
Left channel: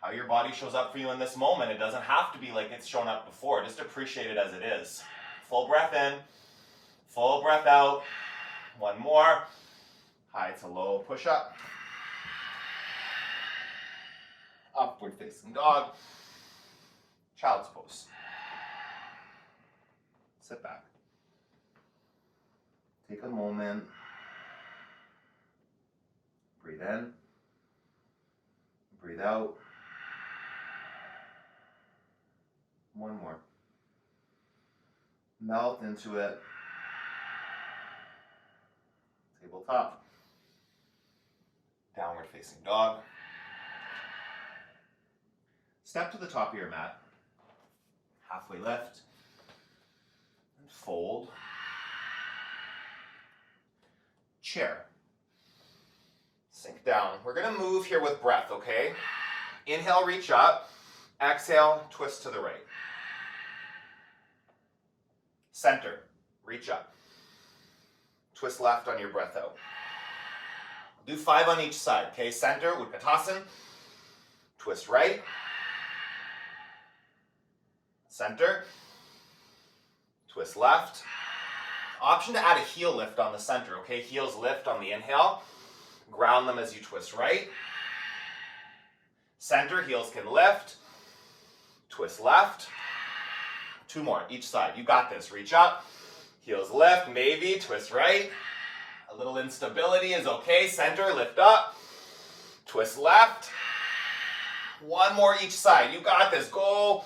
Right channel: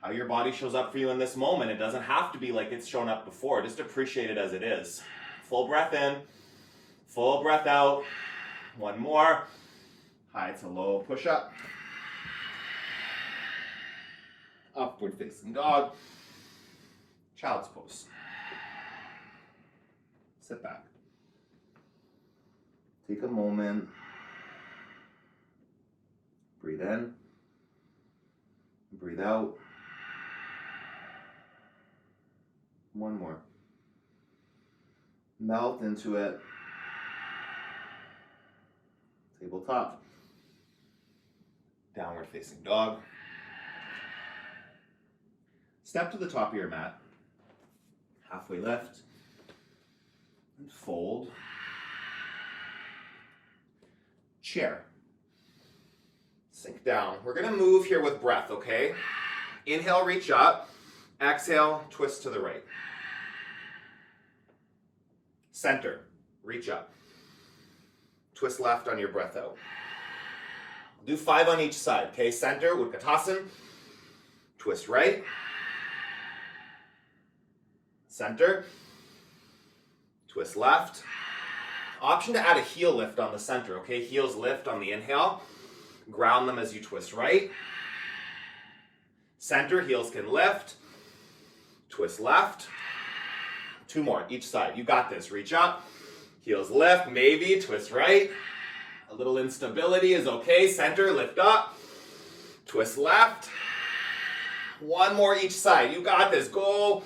How your body shows up for you in this moment. It doesn't have to be like it's shown up before. Just appreciate it as it is. Full breath in. Full breath out. 1 more. High to low push up. Upward facing dog. Child's pose. Sit back. Take a moment. Breathe in. Breathe out. 1 more. Melt into it. Tabletop. Downward facing dog. Step to the top of your mat. Halfway lift. And fold. Chair. Sink down. We're going to move here with breath, okay? Inhale, reach up. Exhale, twist to the right. Center, reach up. Twist left on your breath out. Do 5 on each side, okay? Center, Utkatasana. Twist right. Center. Twist left. Option to add a heel lift on the center, okay? Heels lift on the inhale. Ground them as you twist right. Center, heels can lift. Twist left. 2 more, each side. You got this. Reach up. Heels lift, maybe. Twist right. A little instability is okay. Center, lift up. Twist left. 1 more each side. You got this. Go.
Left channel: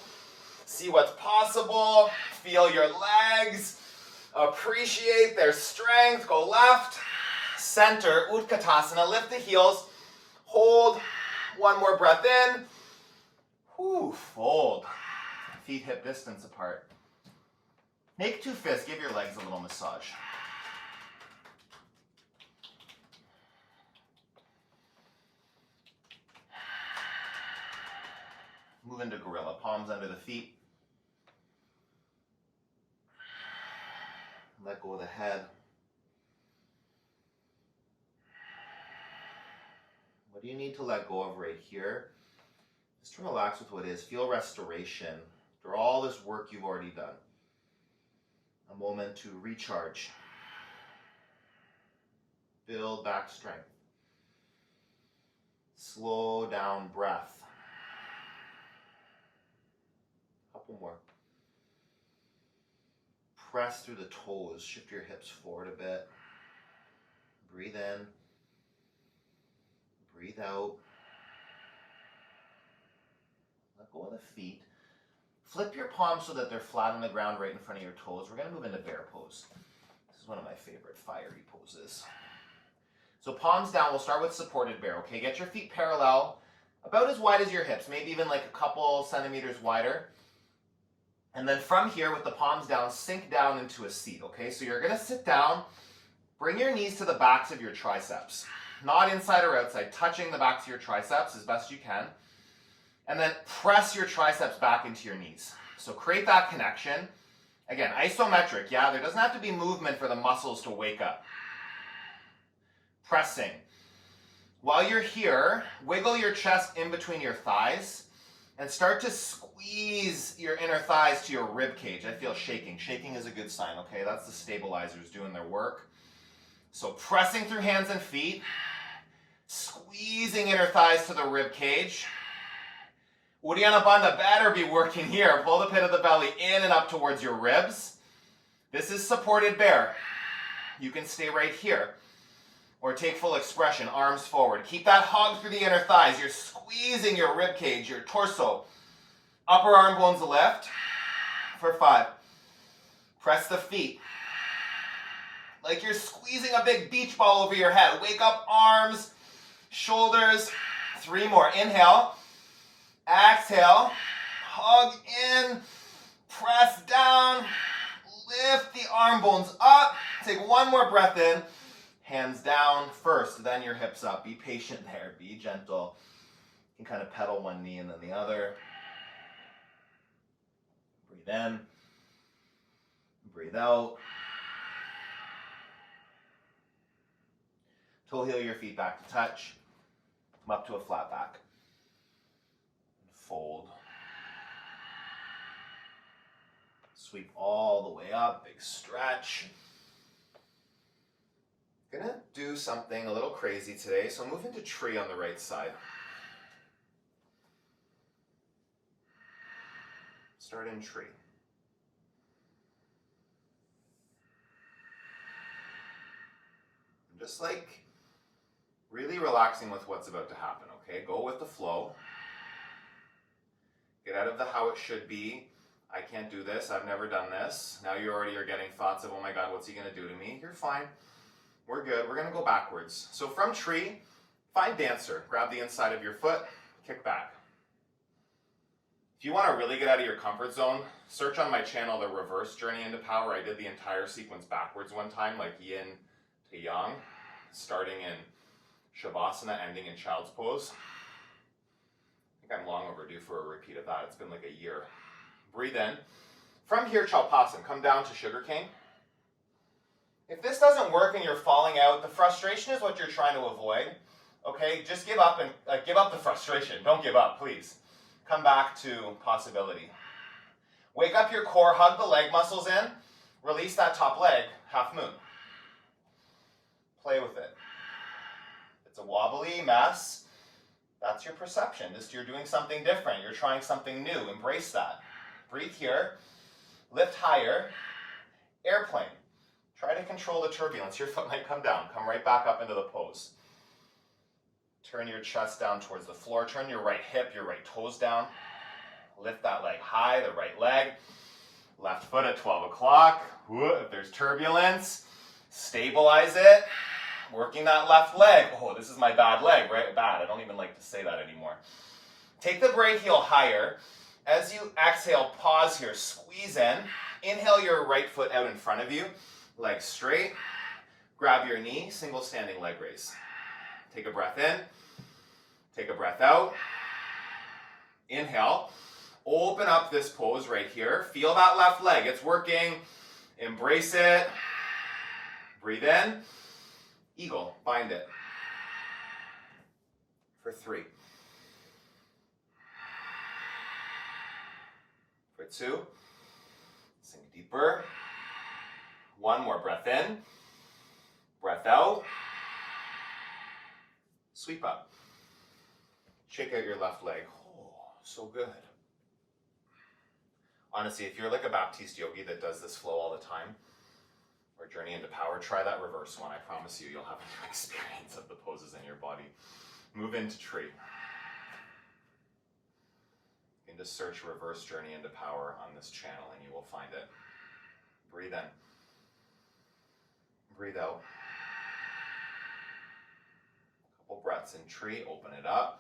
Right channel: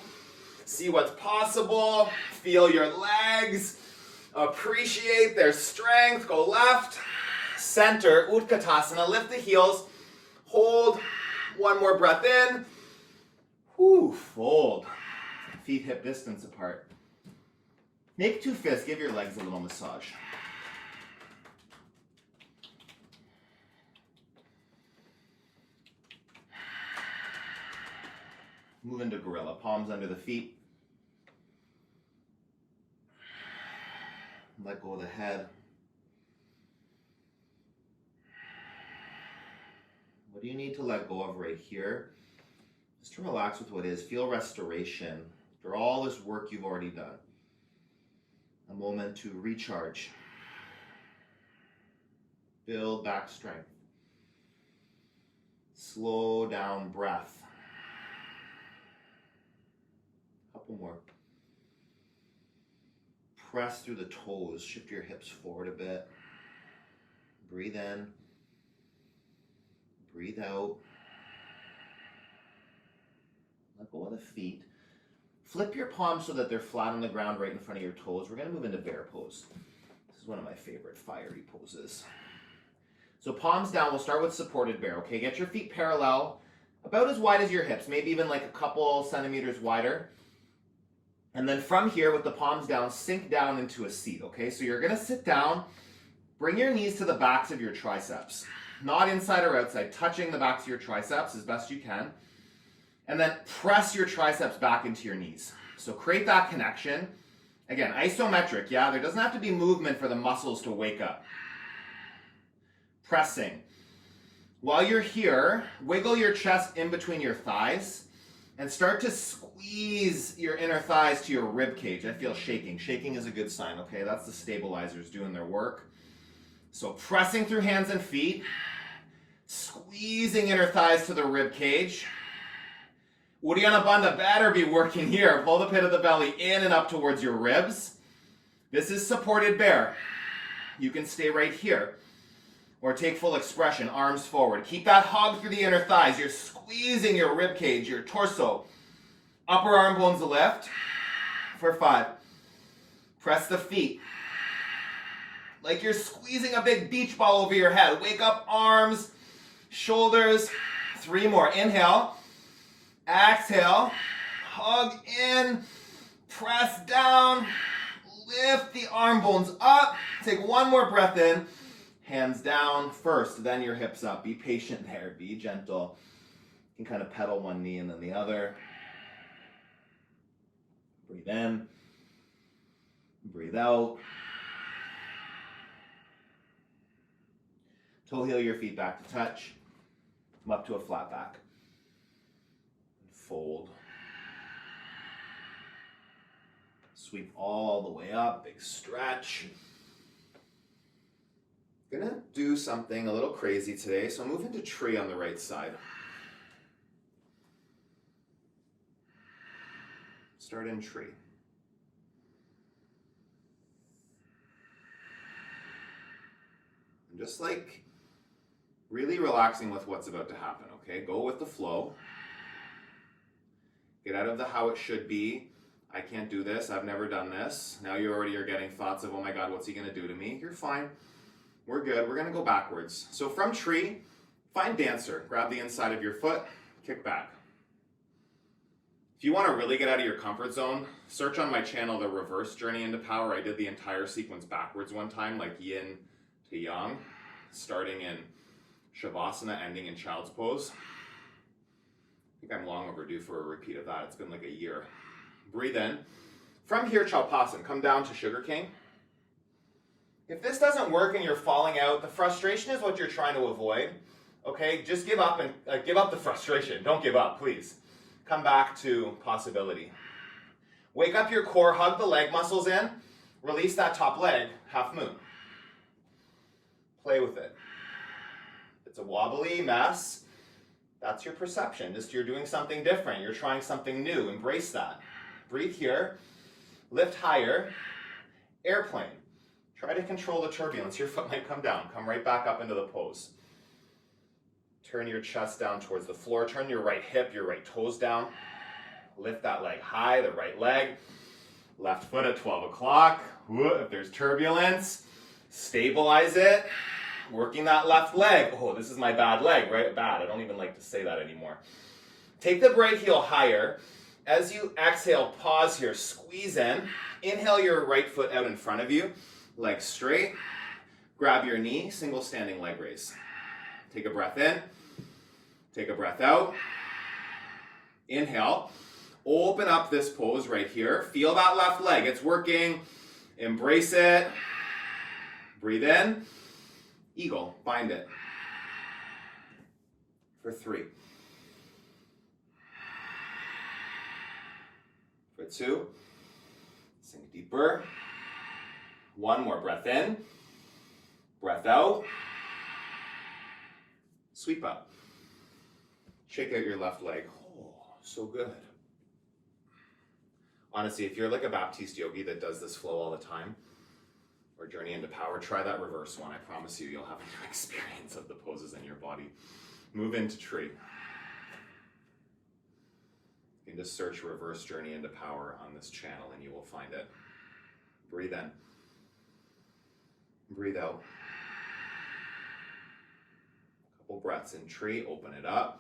See what's possible. Feel your legs. Appreciate their strength. Go left. Center, Utkatasana. Lift the heels. Hold. 1 more breath in. Whew, fold. Feet hip distance apart. Make 2 fists. Give your legs a little massage. Move into gorilla. Palms under the feet. Let go of the head. What do you need to let go of right here? Just to relax with what is. Feel restoration after all this work you've already done. A moment to recharge. Build back strength. Slow down breath. Couple more. Press through the toes. Shift your hips forward a bit. Breathe in. Breathe out. Let go of the feet. Flip your palms so that they're flat on the ground right in front of your toes. We're going to move into bear pose. This is one of my favorite fiery poses. So palms down. We'll start with supported bear. Okay, get your feet parallel, about as wide as your hips, maybe even like a couple centimeters wider. And then from here, with the palms down, sink down into a seat. Okay, so you're going to sit down. Bring your knees to the backs of your triceps. Not inside or outside, touching the backs of your triceps as best you can. And then press your triceps back into your knees. So create that connection. Again, isometric, yeah? There doesn't have to be movement for the muscles to wake up. Pressing. While you're here, wiggle your chest in between your thighs and start to squeeze your inner thighs to your rib cage. I feel shaking. Shaking is a good sign, okay? That's the stabilizers doing their work. So pressing through hands and feet, squeezing inner thighs to the rib cage. Uddiyana Bandha better be working here. Pull the pit of the belly in and up towards your ribs. This is supported bear. You can stay right here. Or take full expression, arms forward. Keep that hug through the inner thighs. You're squeezing your rib cage, your torso. Upper arm bones lift. For 5. Press the feet. Like you're squeezing a big beach ball over your head. Wake up arms, shoulders. 3 more. Inhale. Exhale, hug in, press down, lift the arm bones up. Take 1 more breath in, hands down first, then your hips up. Be patient there, be gentle. You can kind of pedal one knee and then the other. Breathe in, breathe out. Toe heel your feet back to touch. Come up to a flat back. Fold. Sweep all the way up, big stretch. Gonna do something a little crazy today, so move into tree on the right side. Start in tree. I'm just like really relaxing with what's about to happen, okay? Go with the flow. Get out of the how it should be. I can't do this. I've never done this. Now you already are getting thoughts of, oh my God, what's he going to do to me? You're fine. We're good. We're going to go backwards. So from tree, find dancer. Grab the inside of your foot, kick back. If you want to really get out of your comfort zone, search on my channel, The Reverse Journey into Power. I did the entire sequence backwards one time, like yin to yang, starting in Shavasana, ending in child's pose. I think I'm long overdue for a repeat of that. It's been like a year. Breathe in. From here, Tapas, come down to sugarcane. If this doesn't work and you're falling out, the frustration is what you're trying to avoid. Okay, just give up and give up the frustration. Don't give up, please. Come back to possibility. Wake up your core, hug the leg muscles in, release that top leg, half moon. Play with it. It's a wobbly mess. That's your perception. Just you're doing something different. You're trying something new. Embrace that. Breathe here. Lift higher. Airplane. Try to control the turbulence. Your foot might come down. Come right back up into the pose. Turn your chest down towards the floor. Turn your right hip, your right toes down. Lift that leg high, the right leg. Left foot at 12 o'clock. If there's turbulence, stabilize it. Working that left leg. Oh, this is my bad leg, right? Bad. I don't even like to say that anymore. Take the right heel higher. As you exhale, pause here. Squeeze in. Inhale your right foot out in front of you. Leg straight. Grab your knee. Single standing leg raise. Take a breath in. Take a breath out. Inhale. Open up this pose right here. Feel that left leg. It's working. Embrace it. Breathe in. Eagle, bind it. For 3. For 2. Sink deeper. One more breath in, breath out. Sweep up. Shake out your left leg. Oh, so good. Honestly, if you're like a Baptiste yogi that does this flow all the time, or Journey into Power, try that reverse one. I promise you, you'll have a new experience of the poses in your body. Move into tree. You can just search reverse Journey into Power on this channel and you will find it. Breathe in. Breathe out. Couple breaths in tree, open it up.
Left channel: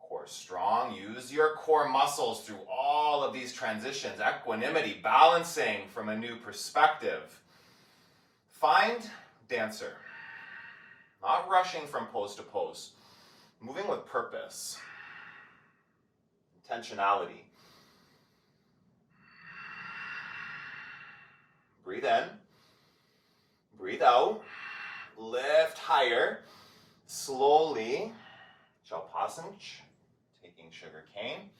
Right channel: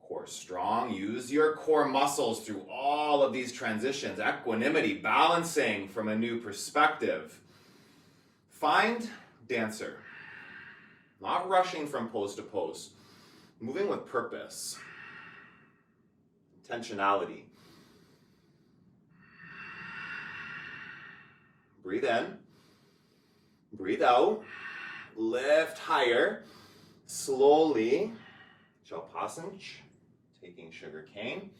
Core strong. Use your core muscles through all of these transitions. Equanimity, balancing from a new perspective. Find dancer. Not rushing from pose to pose. Moving with purpose. Intentionality. Breathe in. Breathe out. Lift higher. Slowly. Shavasana. Taking sugar cane.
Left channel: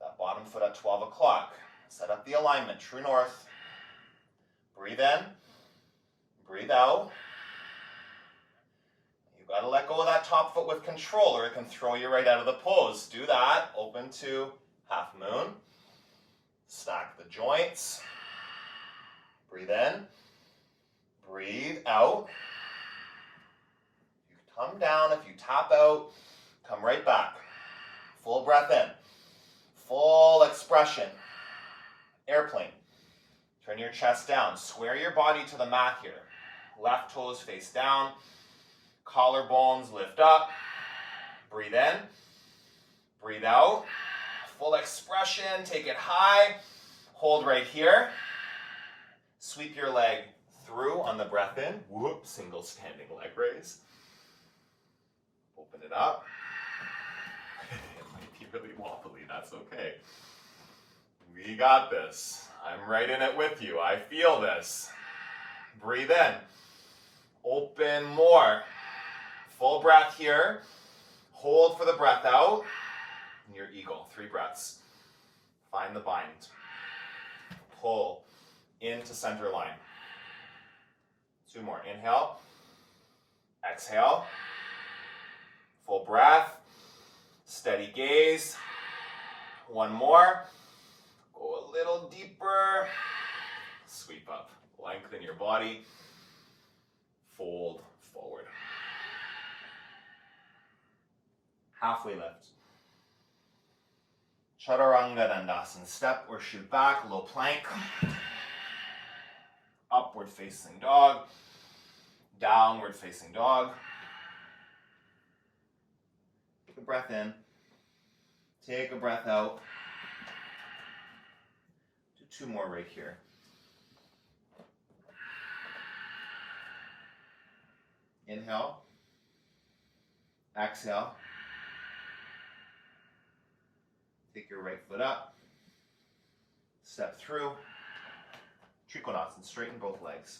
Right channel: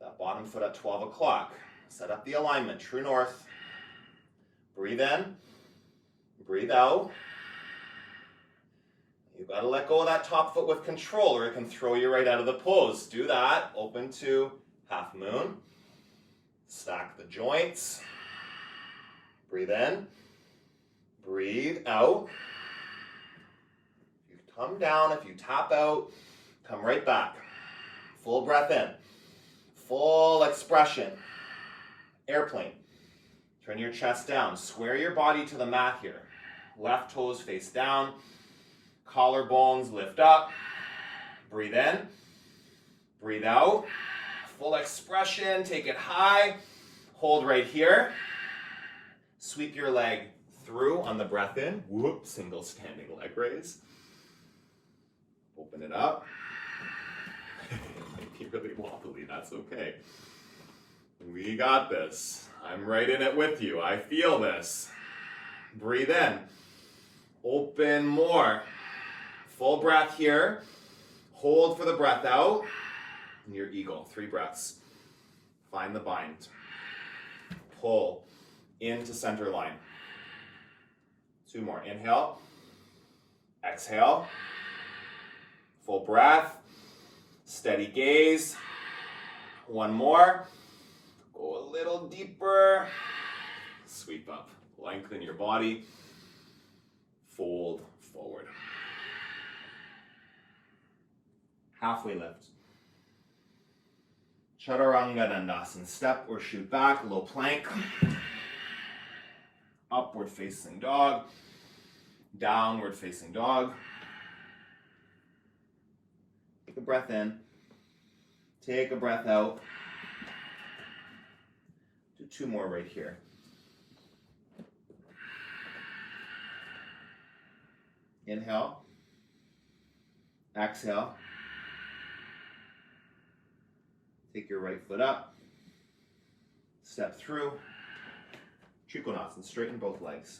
That bottom foot at 12 o'clock. Set up the alignment. True north. Breathe in. Breathe out. You've got to let go of that top foot with control or it can throw you right out of the pose. Do that. Open to half moon. Stack the joints. Breathe in. Breathe out. If you come down, if you tap out, come right back. Full breath in. Full expression. Airplane. Turn your chest down. Square your body to the mat here. Left toes face down. Collarbones lift up. Breathe in. Breathe out. Full expression. Take it high. Hold right here. Sweep your leg through on the breath in. Whoop. Single standing leg raise. Open it up. It might be really wobbly. That's okay. We got this. I'm right in it with you. I feel this. Breathe in. Open more. Full breath here. Hold for the breath out. And your eagle. 3 breaths. Find the bind. Pull into center line. 2 more. Inhale. Exhale. Full breath. Steady gaze. 1 more. Go a little deeper. Sweep up. Lengthen your body. Fold forward. Halfway lift. Chaturanga Dandasana. Step or shoot back. Low plank. Upward facing dog. Downward facing dog. Take a breath in. Take a breath out. Do 2 more right here. Inhale. Exhale. Take your right foot up. Step through. Trikonasana. Straighten both legs.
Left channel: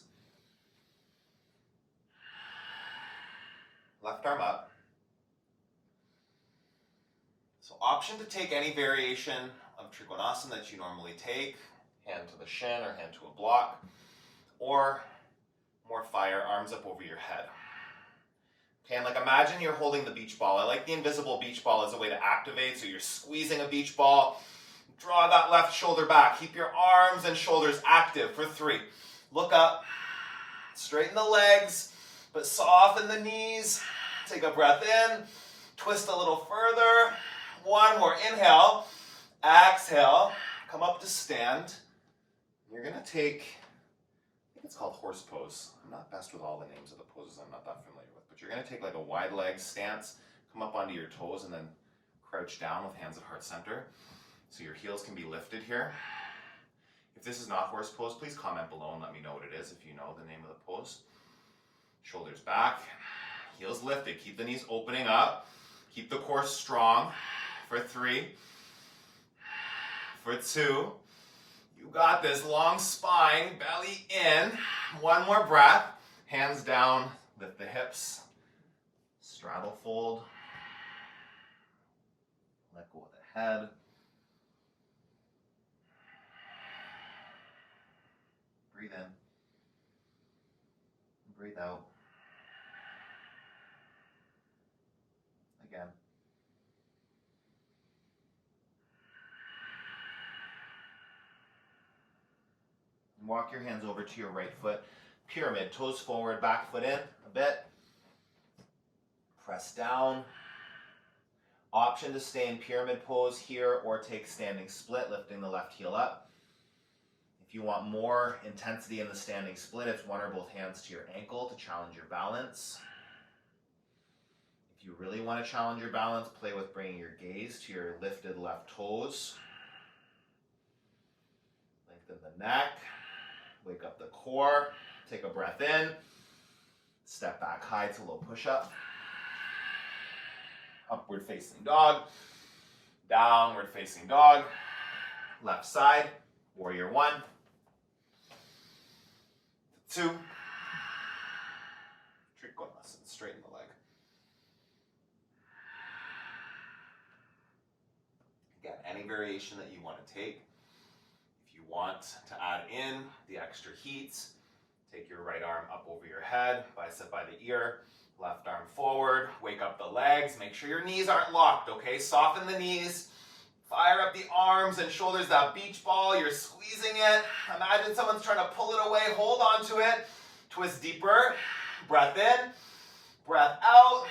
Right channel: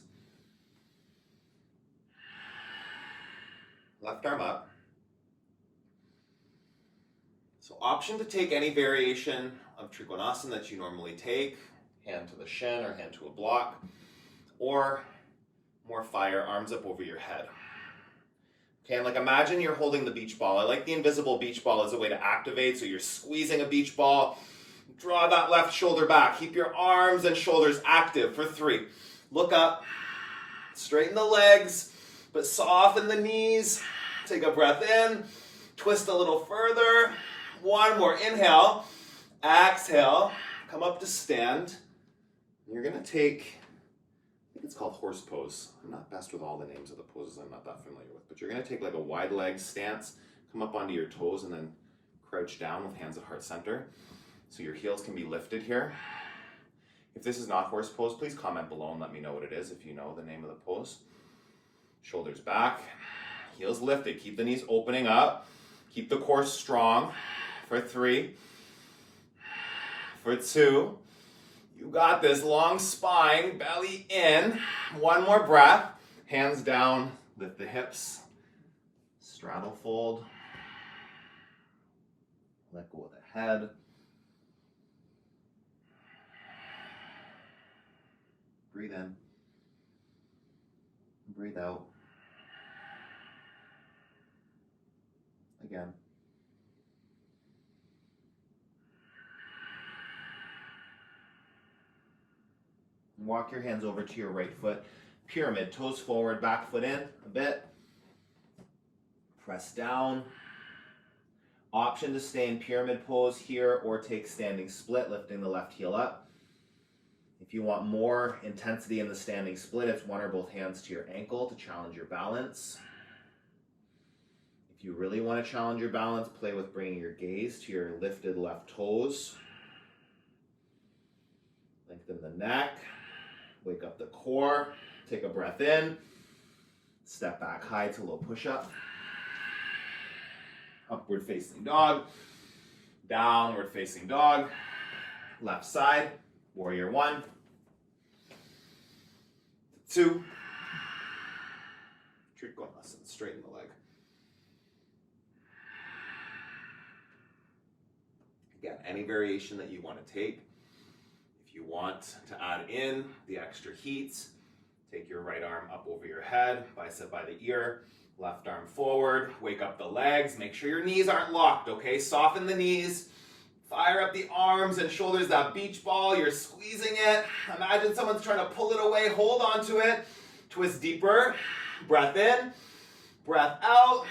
Left arm up. So option to take any variation of Trikonasana that you normally take. Hand to the shin or hand to a block. Or more fire, arms up over your head. Okay, and like imagine you're holding the beach ball. I like the invisible beach ball as a way to activate. So you're squeezing a beach ball. Draw that left shoulder back. Keep your arms and shoulders active for 3. Look up. Straighten the legs, but soften the knees. Take a breath in. Twist a little further. 1 more. Inhale. Exhale. Come up to stand. You're going to take, I think it's called horse pose. I'm not best with all the names of the poses I'm not that familiar with, but you're going to take like a wide leg stance, come up onto your toes, and then crouch down with hands at heart center. So your heels can be lifted here. If this is not horse pose, please comment below and let me know what it is if you know the name of the pose. Shoulders back, heels lifted. Keep the knees opening up. Keep the core strong for 3, for 2. You got this. Long spine, belly in. 1 more breath. Hands down, lift the hips. Straddle fold. Let go of the head. Breathe Breathe in. Breathe out. Again. And walk your hands over to your right foot. Pyramid, toes forward, back foot in a bit. Press down. Option to stay in pyramid pose here or take standing split, lifting the left heel up. If you want more intensity in the standing split, it's one or both hands to your ankle to challenge your balance. If you really want to challenge your balance, play with bringing your gaze to your lifted left toes. Lengthen the neck. Wake up the core. Take a breath in. Step back high to low push-up. Upward facing dog. Downward facing dog. Left side. Warrior 1. 2. Trikonasana. Straighten the leg. Again, any variation that you want to take. If you want to add in the extra heat, take your right arm up over your head, bicep by the ear, left arm forward, wake up the legs, make sure your knees aren't locked, okay? Soften the knees, fire up the arms and shoulders, that beach ball, you're squeezing it. Imagine someone's trying to pull it away, hold on to it, twist deeper, breath in, breath out,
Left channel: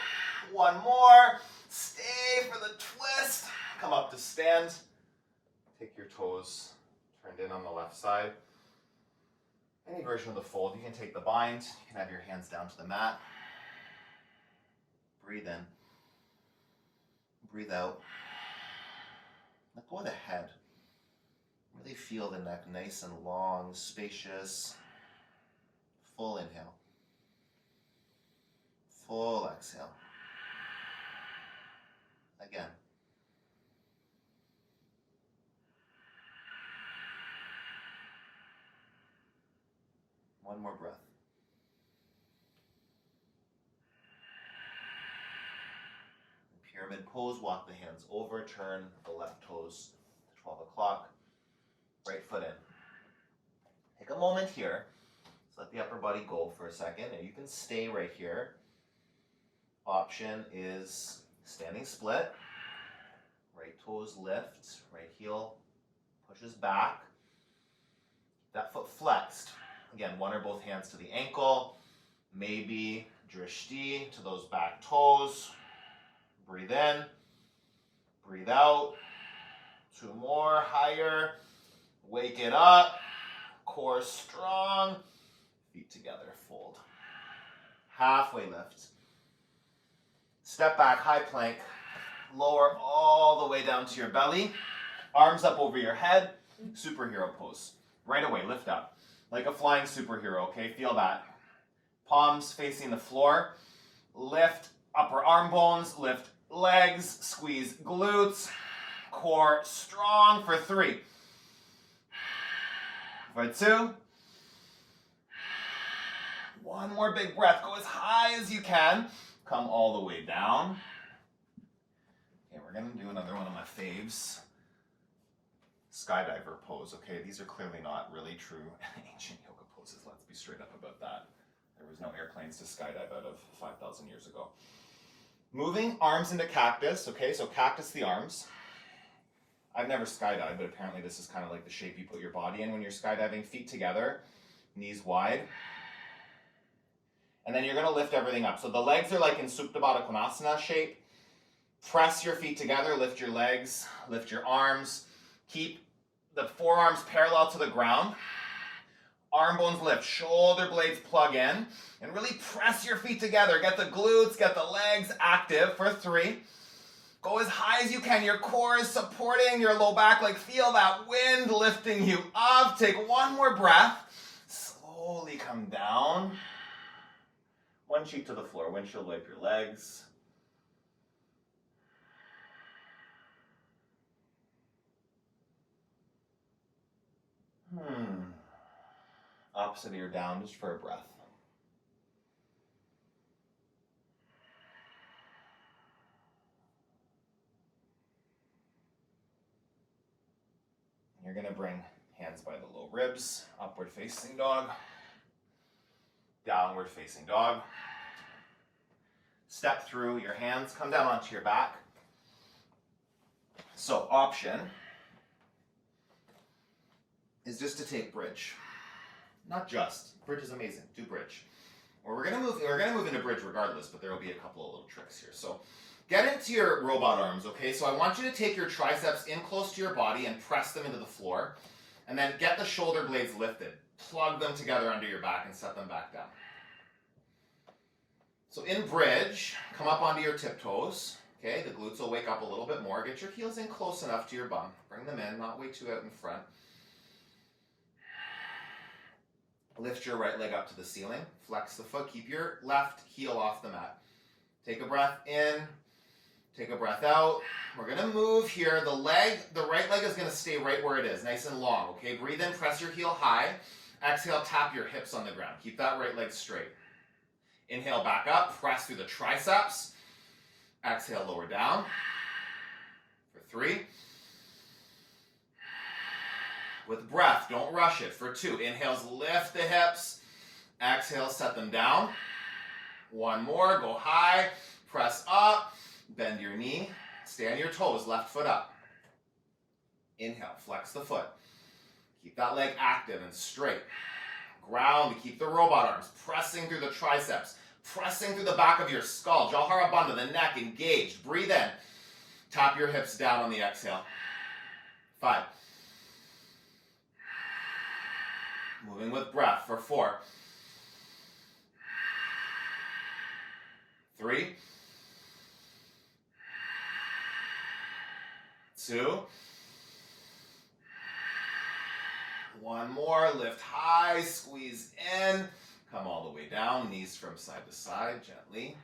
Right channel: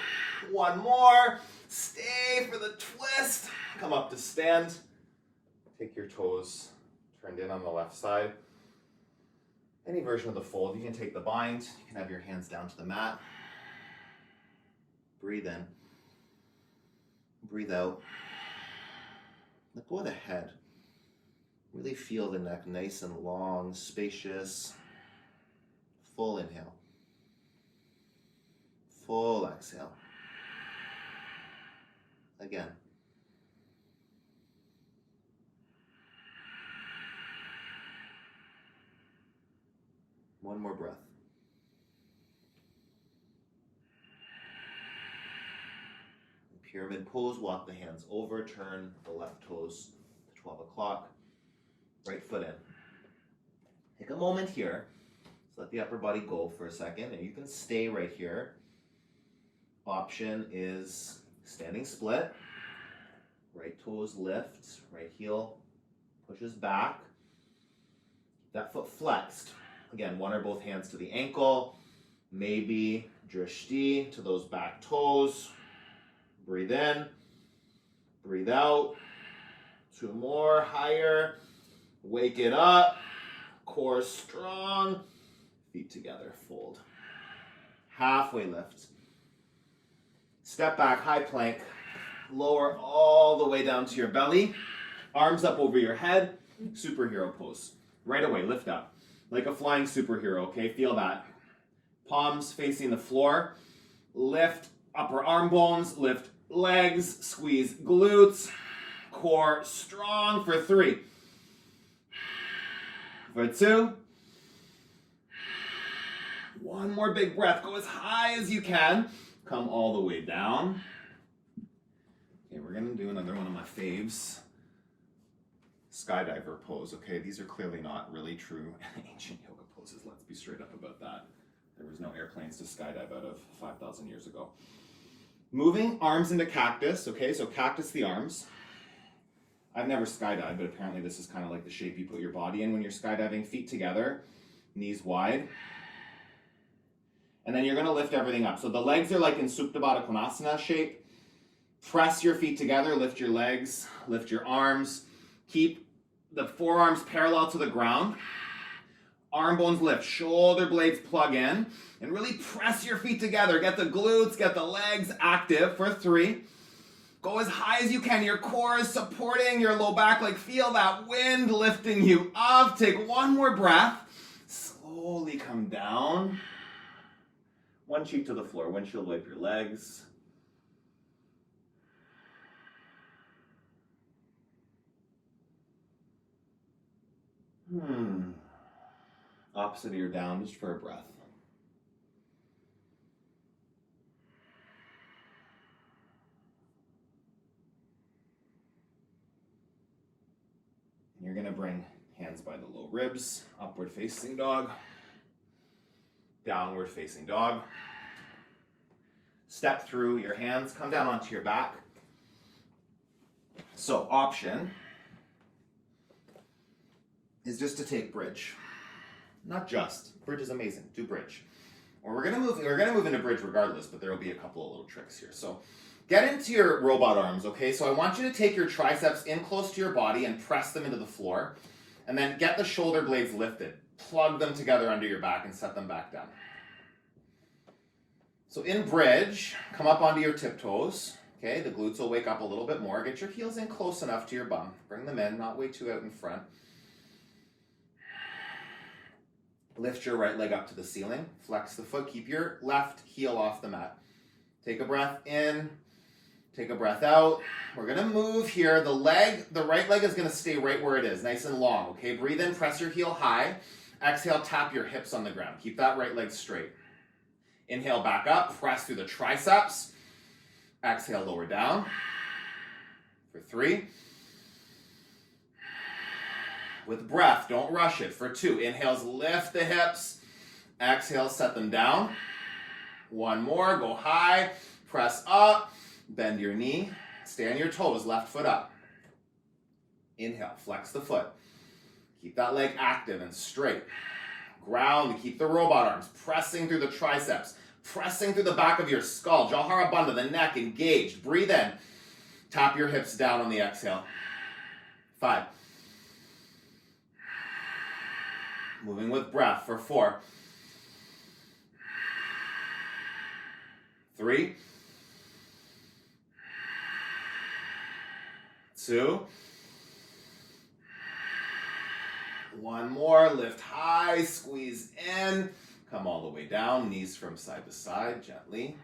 one more, stay for the twist, come up to stand, take your toes turned in on the left side. Any version of the fold, you can take the bind, you can have your hands down to the mat. Breathe in. Breathe out. Let go of the head. Really feel the neck nice and long, spacious. Full inhale. Full exhale. Again. One more breath. Pyramid pose, walk the hands over, turn the left toes to 12 o'clock, right foot in. Take a moment here, so let the upper body go for a second, and you can stay right here. Option is standing split, right toes lift, right heel pushes back, that foot flexed. Again, one or both hands to the ankle, maybe drishti to those back toes. Breathe in, breathe out. 2 more, higher. Wake it up, core strong, feet together, fold. Halfway lift. Step back, high plank. Lower all the way down to your belly. Arms up over your head, superhero pose. Right away, lift up. Like a flying superhero, okay? Feel that. Palms facing the floor. Lift upper arm bones, lift legs, squeeze glutes. Core strong for 3. For 2. One more big breath. Go as high as you can. Come all the way down. Okay, we're gonna do another one of my faves. Skydiver pose, okay? These are clearly not really true ancient yoga poses. Let's be straight up about that. There was no airplanes to skydive out of 5,000 years ago. Moving arms into cactus, okay? So cactus the arms. I've never skydived, but apparently this is kind of like the shape you put your body in when you're skydiving. Feet together, knees wide. And then you're gonna lift everything up. So the legs are like in Supta Baddha Konasana shape. Press your feet together, lift your legs, lift your arms. Keep the forearms parallel to the ground. Arm bones lift, shoulder blades plug in, and really press your feet together. Get the glutes, get the legs active for 3. Go as high as you can. Your core is supporting your low back. Like feel that wind lifting you up. Take one more breath. Slowly come down. One cheek to the floor. Windshield wipe your legs. Opposite ear down just for a breath. You're going to bring hands Hands by the low ribs, upward facing dog, downward facing dog. Step through your hands, come down onto your back. So option is just to take bridge. Not just, bridge is amazing, do bridge. Or we're gonna move into bridge regardless, but there will be a couple of little tricks here. So get into your robot arms, okay? So I want you to take your triceps in close to your body and press them into the floor. And then get the shoulder blades lifted. Plug them together under your back and set them back down. So in bridge, come up onto your tiptoes. Okay, the glutes will wake up a little bit more. Get your heels in close enough to your bum. Bring them in, not way too out in front. Lift your right leg up to the ceiling. Flex the foot. Keep your left heel off the mat. Take a breath in. Take a breath out. We're going to move here. The right leg is going to stay right where it is, nice and long. Okay, breathe in, press your heel high. Exhale, tap your hips on the ground. Keep that right leg straight. Inhale, back up. Press through the triceps. Exhale, lower down. For 3. With breath, don't rush it. For 2, inhales, lift the hips. Exhale, set them down. 1 more, go high. Press up. Bend your knee. Stay on your toes, left foot up. Inhale, flex the foot. Keep that leg active and straight. Ground, keep the robot arms pressing through the triceps. Pressing through the back of your skull. Jawhara Bandha, the neck engaged. Breathe in. Tap your hips down on the exhale. 5. Moving with breath for 4. 3. 2. 1 more. Lift high. Squeeze in. Come all the way down, knees from side to side, gently.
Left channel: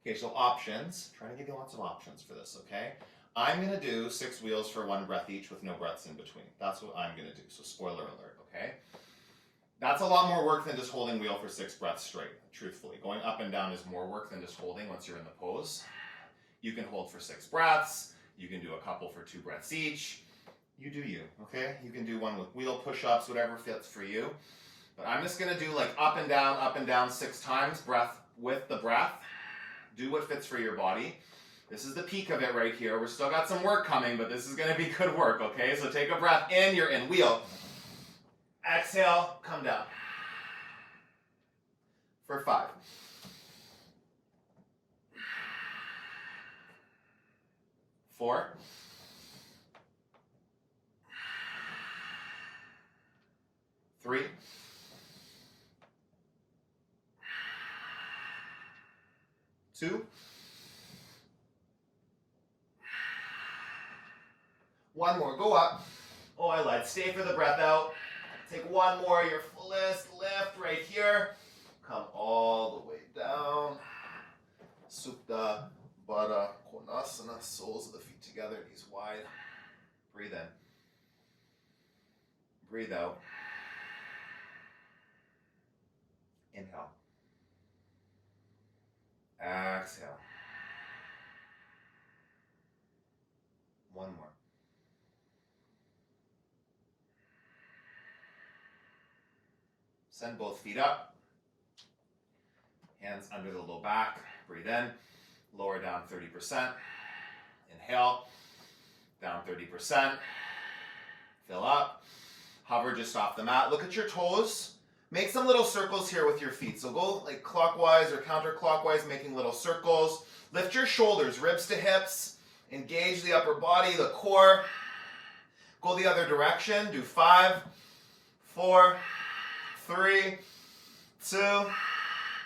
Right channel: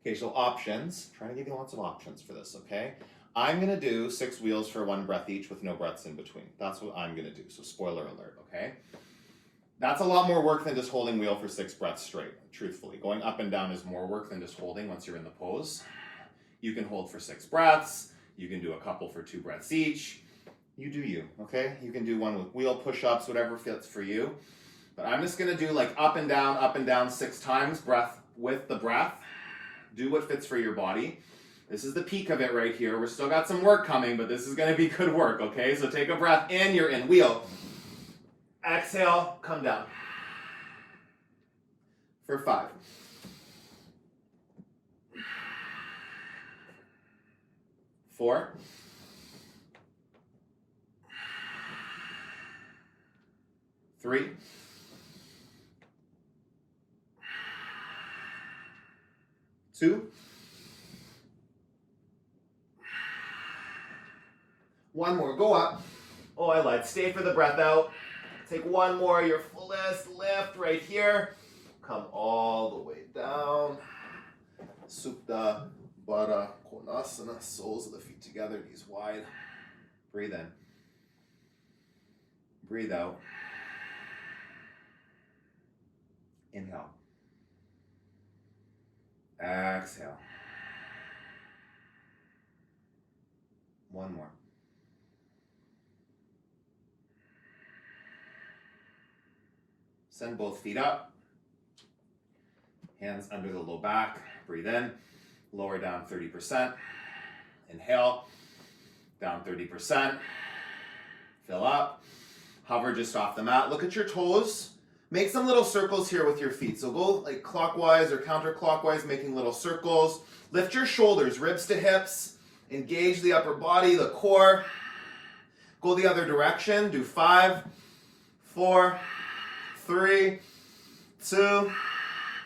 Occasional options. Trying to give you lots of options for this, okay? I'm going to do 6 wheels for 1 breath each with no breaths in between. That's what I'm going to do, so spoiler alert, okay? That's a lot more work than just holding wheel for 6 breaths straight, truthfully. Going up and down is more work than just holding once you're in the pose. You can hold for 6 breaths. You can do a couple for 2 breaths each. You do you, okay? You can do one with wheel push-ups, whatever fits for you. But I'm just going to do like up and down 6 times, breath with the breath. Do what fits for your body. This is the peak of it right here. We're still got some work coming, but this is going to be good work, okay? So take a breath in, you're in. Wheel. Exhale, come down. For 5. 4. 3. 2. 1 more, go up. Oh, I lied. Stay for the breath out. Take 1 more, your fullest lift right here. Come all the way down. Supta Baddha Konasana, soles of the feet together, knees wide. Breathe in. Breathe out. Inhale. Exhale. 1 more. Send both feet up. Hands under the low back. Breathe in. Lower down 30%. Inhale. Down 30%. Fill up. Hover just off the mat. Look at your toes. Make some little circles here with your feet. So go like clockwise or counterclockwise, making little circles. Lift your shoulders, ribs to hips. Engage the upper body, the core. Go the other direction. Do 5, 4, 3, 2,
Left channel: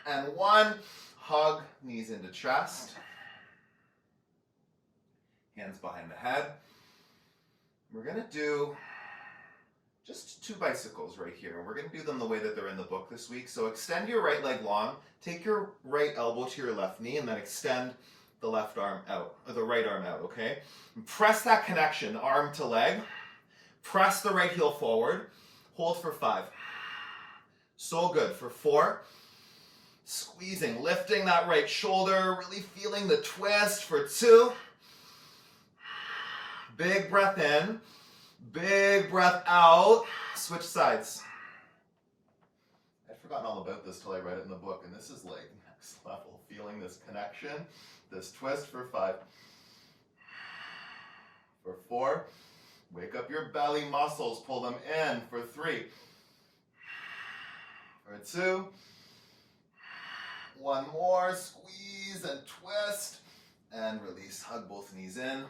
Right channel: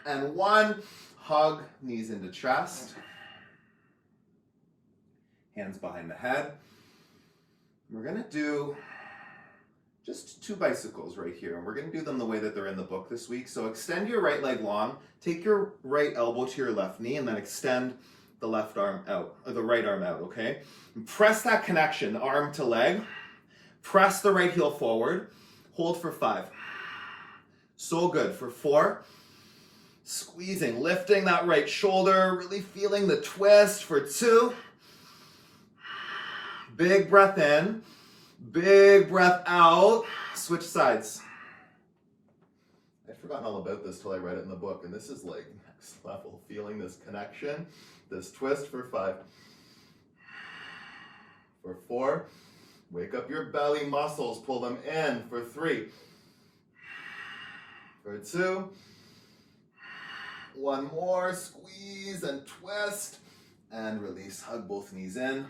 and 1. Hug knees into chest. Hands behind the head. We're going to do just 2 bicycles right here, and we're going to do them the way that they're in the book this week. So extend your right leg long, take your right elbow to your left knee, and then extend the left arm out, or the right arm out, okay? And press that connection, arm to leg. Press the right heel forward. Hold for 5. So good. For 4. Squeezing, lifting that right shoulder, really feeling the twist. For 2. Big breath in. Big breath out. Switch sides. I'd forgotten all about this till I read it in the book, and this is like next level. Feeling this connection, this twist for 5. For 4, wake up your belly muscles, pull them in. For 3. For 2. One more, squeeze and twist, and release. Hug both knees in.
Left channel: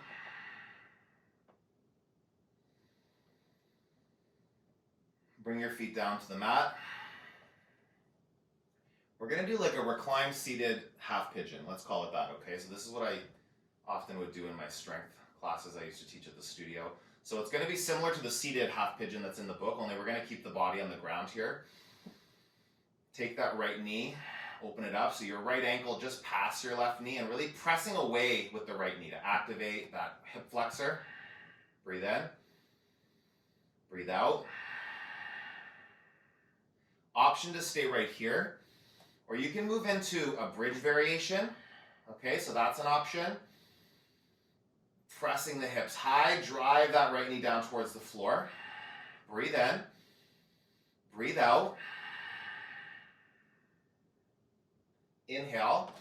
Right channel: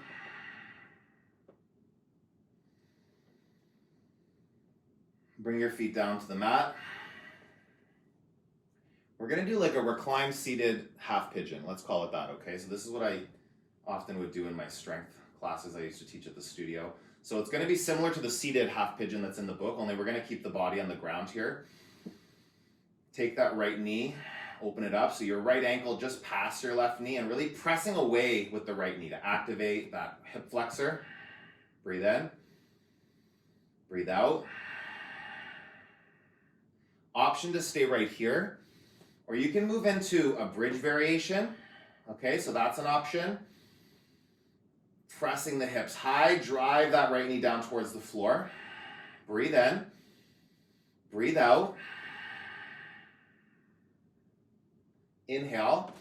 Bring your feet down to the mat. We're gonna do like a reclined seated half pigeon. Let's call it that, okay? So this is what I often would do in my strength classes I used to teach at the studio. So it's gonna be similar to the seated half pigeon that's in the book, only we're gonna keep the body on the ground here. Take that right knee, open it up, so your right ankle just past your left knee and really pressing away with the right knee to activate that hip flexor. Breathe in, breathe out. Option to stay right here, or you can move into a bridge variation. Okay, so that's an option. Pressing the hips high, drive that right knee down towards the floor. Breathe in, breathe out. Inhale,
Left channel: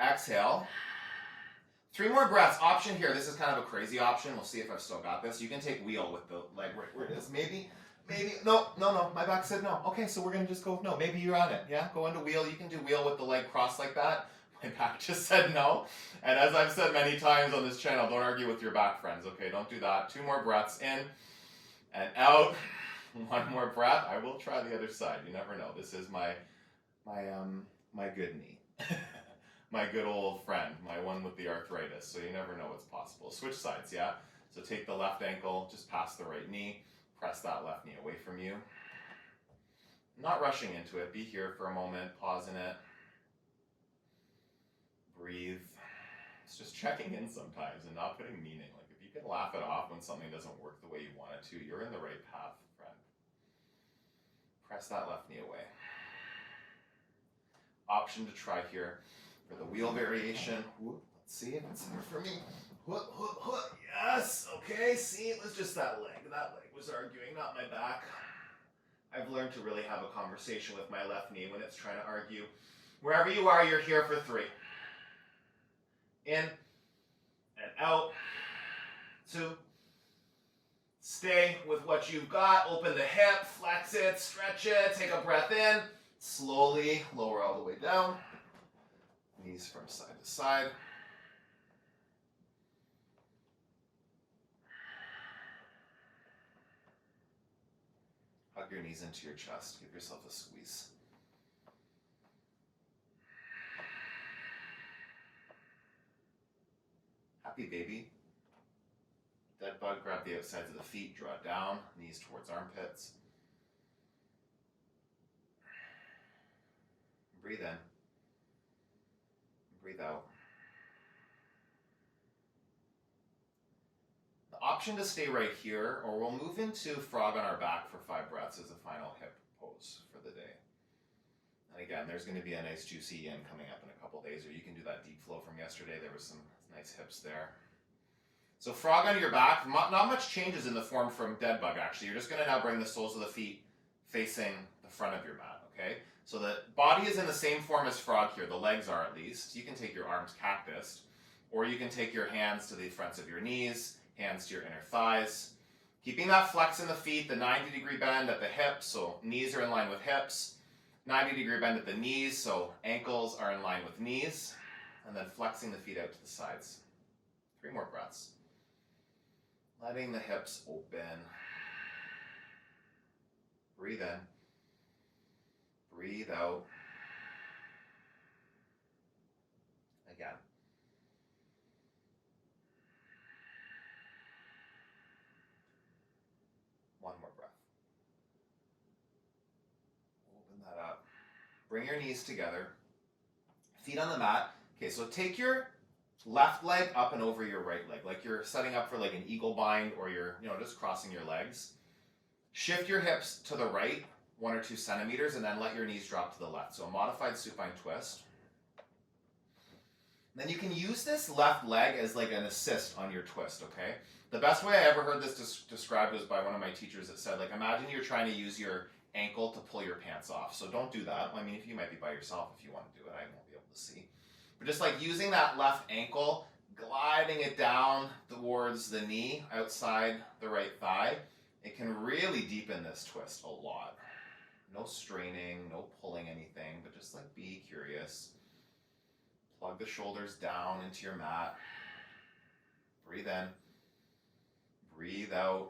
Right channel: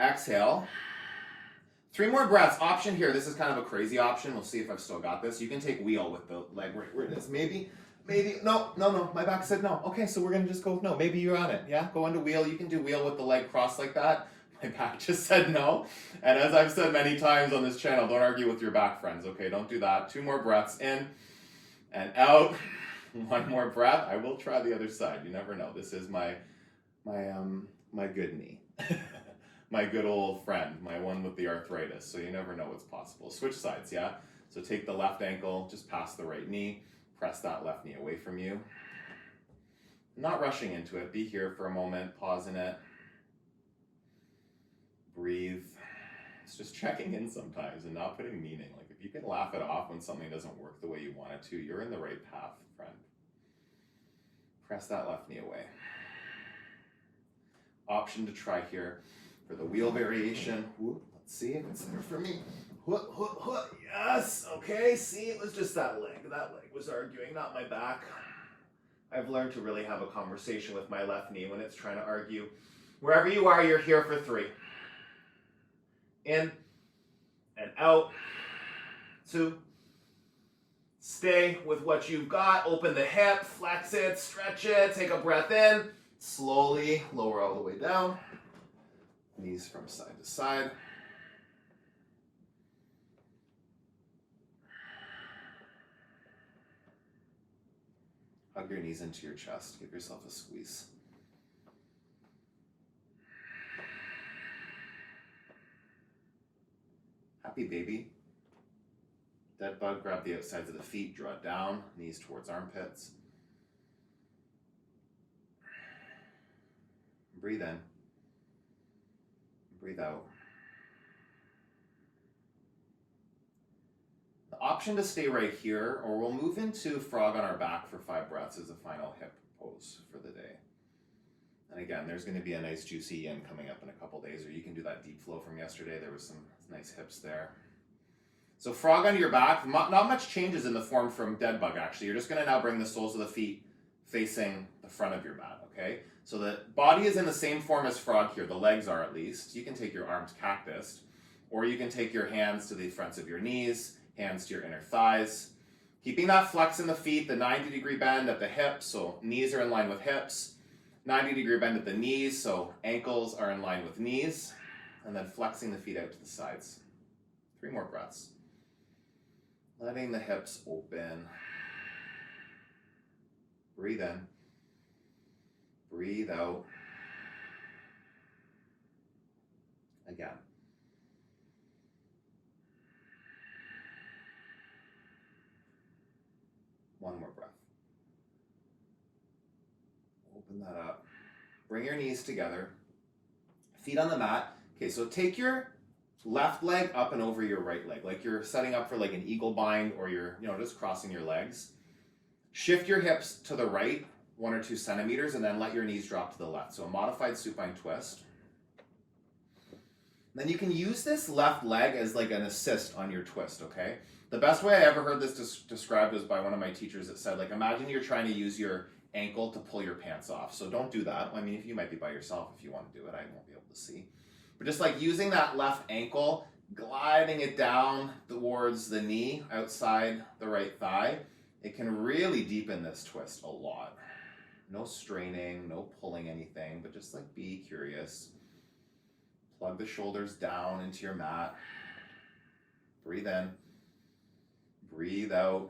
exhale. 3 more breaths. Option here, this is kind of a crazy option. We'll see if I've still got this. You can take wheel with the leg right where it is. Maybe, no, my back said no. Okay, so we're gonna just go with no. Maybe you're on it, yeah? Go into wheel, you can do wheel with the leg crossed like that. My back just said no. And as I've said many times on this channel, don't argue with your back, friends, okay? Don't do that. 2 more breaths, in and out. 1 more breath. I will try the other side. You never know. This is my good knee. My good old friend, my one with the arthritis. So you never know what's possible. Switch sides, yeah? So take the left ankle just past the right knee. Press that left knee away from you. Not rushing into it. Be here for a moment. Pause in it. Breathe. It's just checking in sometimes and not putting meaning. Like if you can laugh it off when something doesn't work the way you want it to, you're in the right path, friend. Press that left knee away. Option to try here for the wheel variation. Let's see if it's there for me. Yes, okay, see, it was just that leg. That leg was arguing, not my back. I've learned to really have a conversation with my left knee when it's trying to argue. Wherever you are, you're here for 3. In and out. 2. Stay with what you've got. Open the hip, flex it, stretch it, take a breath in. Slowly lower all the way down. Knees from side to side. Hug your knees into your chest. Give yourself a squeeze. Happy baby. Dead bug, grab the outsides of the feet, draw it down, knees towards armpits. Breathe in. Breathe out. The option to stay right here, or we'll move into frog on our back for 5 breaths as a final hip pose for the day. And again, there's going to be a nice juicy yin coming up in a couple days, or you can do that deep flow from yesterday. There was some nice hips there. So frog on your back, not much changes in the form from dead bug actually. You're just going to now bring the soles of the feet facing the front of your mat, okay? So the body is in the same form as frog here, the legs are at least. You can take your arms cactus, or you can take your hands to the fronts of your knees, hands to your inner thighs. Keeping that flex in the feet, the 90-degree bend at the hips, so knees are in line with hips. 90-degree bend at the knees, so ankles are in line with knees. And then flexing the feet out to the sides. 3 more breaths. Letting the hips open. Breathe in. Breathe out. Again. One more breath. Open that up. Bring your knees together. Feet on the mat. Okay, so take your left leg up and over your right leg, like you're setting up for like an eagle bind, or you're, just crossing your legs. Shift your hips to the right 1 or 2 centimeters, and then let your knees drop to the left. So a modified supine twist. Then you can use this left leg as like an assist on your twist, okay? The best way I ever heard this described was by one of my teachers that said, like, imagine you're trying to use your ankle to pull your pants off. So don't do that. I mean, if you might be by yourself if you want to do it, I won't be able to see. But just like using that left ankle, gliding it down towards the knee outside the right thigh, it can really deepen this twist a lot. No straining, no pulling anything, but just like be curious. Plug the shoulders down into your mat. Breathe in. Breathe out.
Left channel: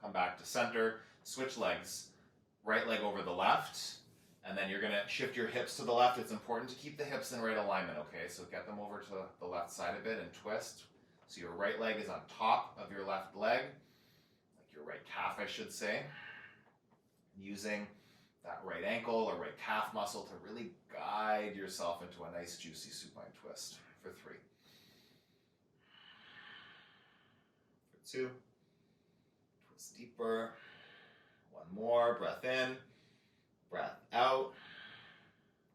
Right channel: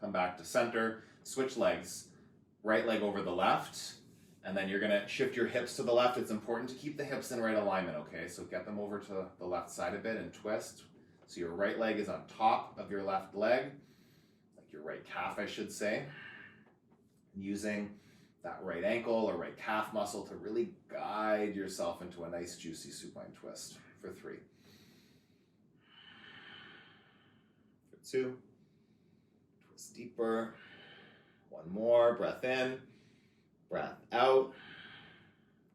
Come back to center. Switch legs. Right leg over the left. And then you're going to shift your hips to the left. It's important to keep the hips in right alignment, okay? So get them over to the left side a bit and twist. So your right leg is on top of your left leg, like your right calf, I should say. Using that right ankle or right calf muscle to really guide yourself into a nice juicy supine twist for 3. For 2. Twist deeper. 1 more. Breath in. Breath out.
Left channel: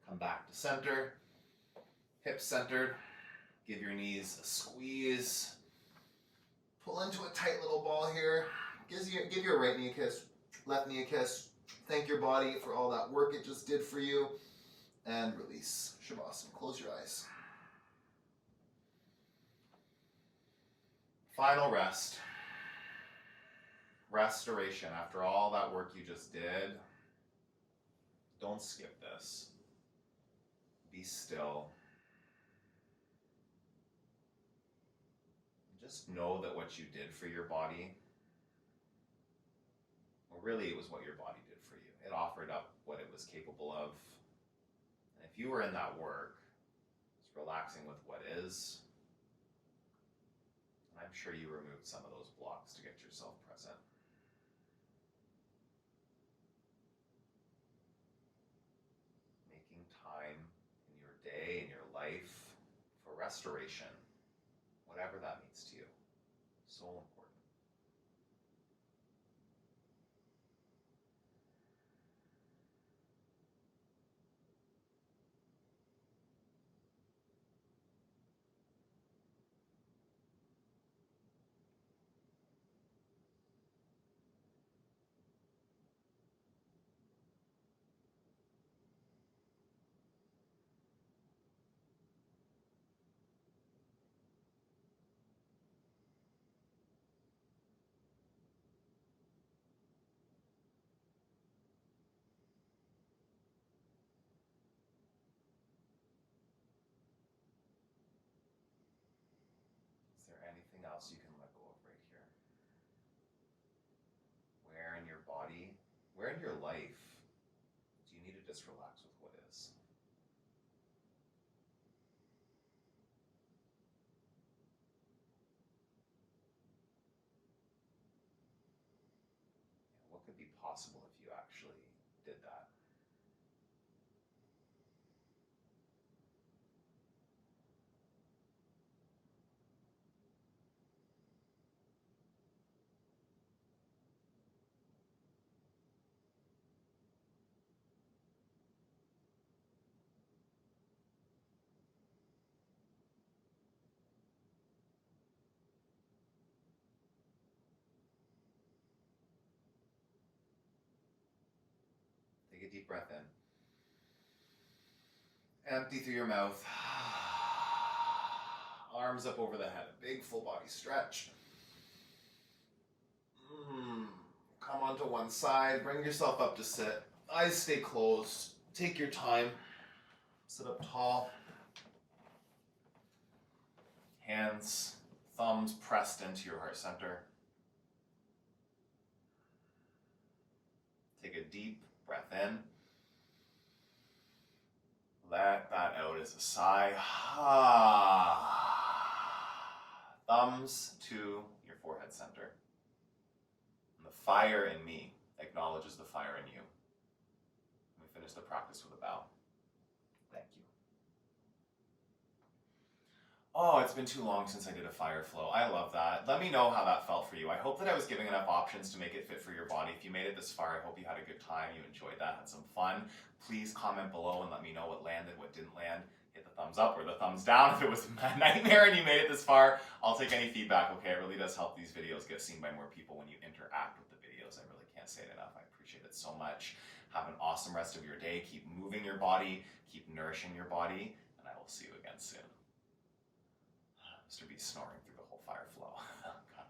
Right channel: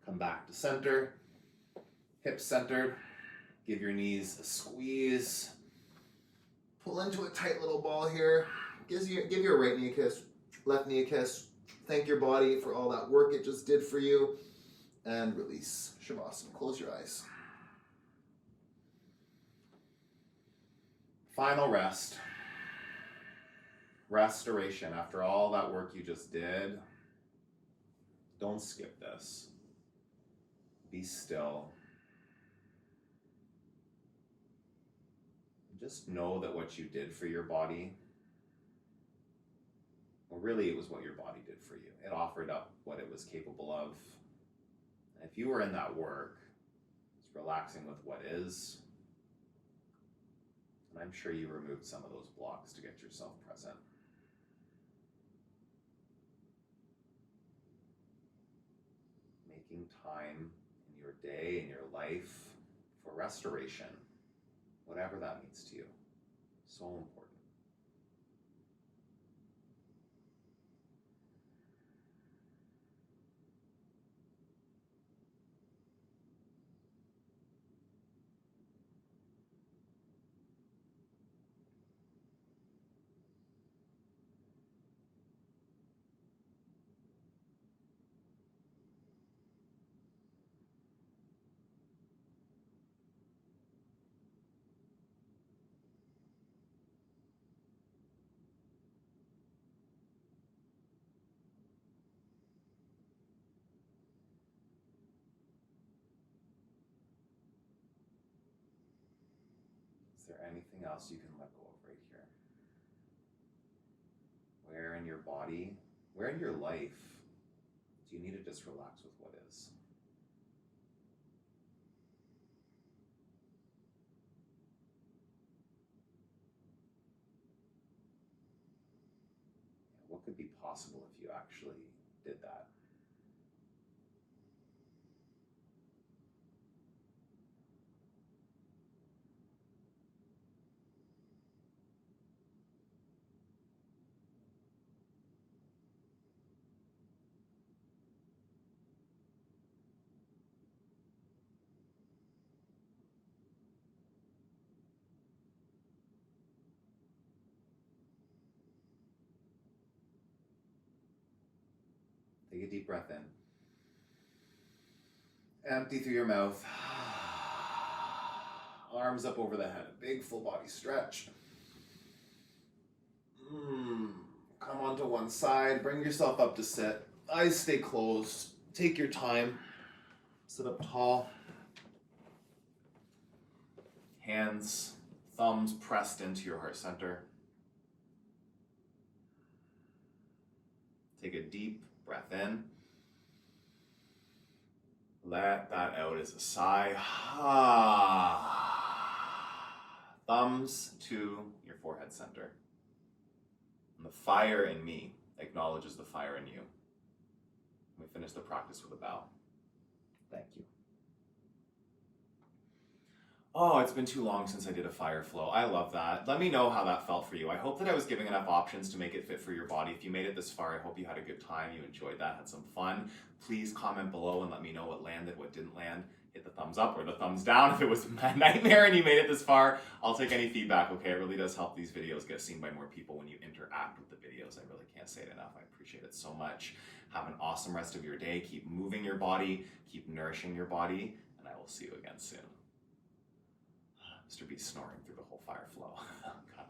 Come back to center. Hips centered. Give your knees a squeeze. Pull into a tight little ball here. Give your right knee a kiss. Left knee a kiss. Thank your body for all that work it just did for you. And release. Shavasana. Close your eyes. Final rest. Restoration. After all that work you just did, don't skip this. Be still. Just know that what you did for your body, well, really it was what your body did for you. It offered up what it was capable of. And if you were in that work, it's relaxing with what is. And I'm sure you removed some of those blocks to get yourself present. Making time in your day, in your life, for restoration, whatever that means to you. So important. Is there anything else you can let go of right here? Where in your body, where in your life do you need to just relax with what is? And what could be possible if you actually did that? Take a deep breath in. Empty through your mouth. Arms up over the head. Big full body stretch. Come onto one side. Bring yourself up to sit. Eyes stay closed. Take your time. Sit up tall. Hands, thumbs pressed into your heart center. Take a deep breath in. Let that out as a sigh. Thumbs to your forehead center. And the fire in me acknowledges the fire in you. We finish the practice with a bow. Thank you. Oh, it's been too long since I did a fire flow. I love that. Let me know how that felt for you. I hope that I was giving enough options to make it fit for your body. If you made it this far, I hope you had a good time, you enjoyed that, had some fun. Please comment below and let me know what landed, what didn't land. hit the thumbs up or the thumbs down if it was a nightmare and you made it this far. I'll take any feedback, okay? It really does help these videos get seen by more people when you interact with the videos. I really can't say it enough. I appreciate it so much. Have an awesome rest of your day. Keep moving your body, keep nourishing your body, and I will see you again soon. Mr. B snoring through the whole fire flow. God.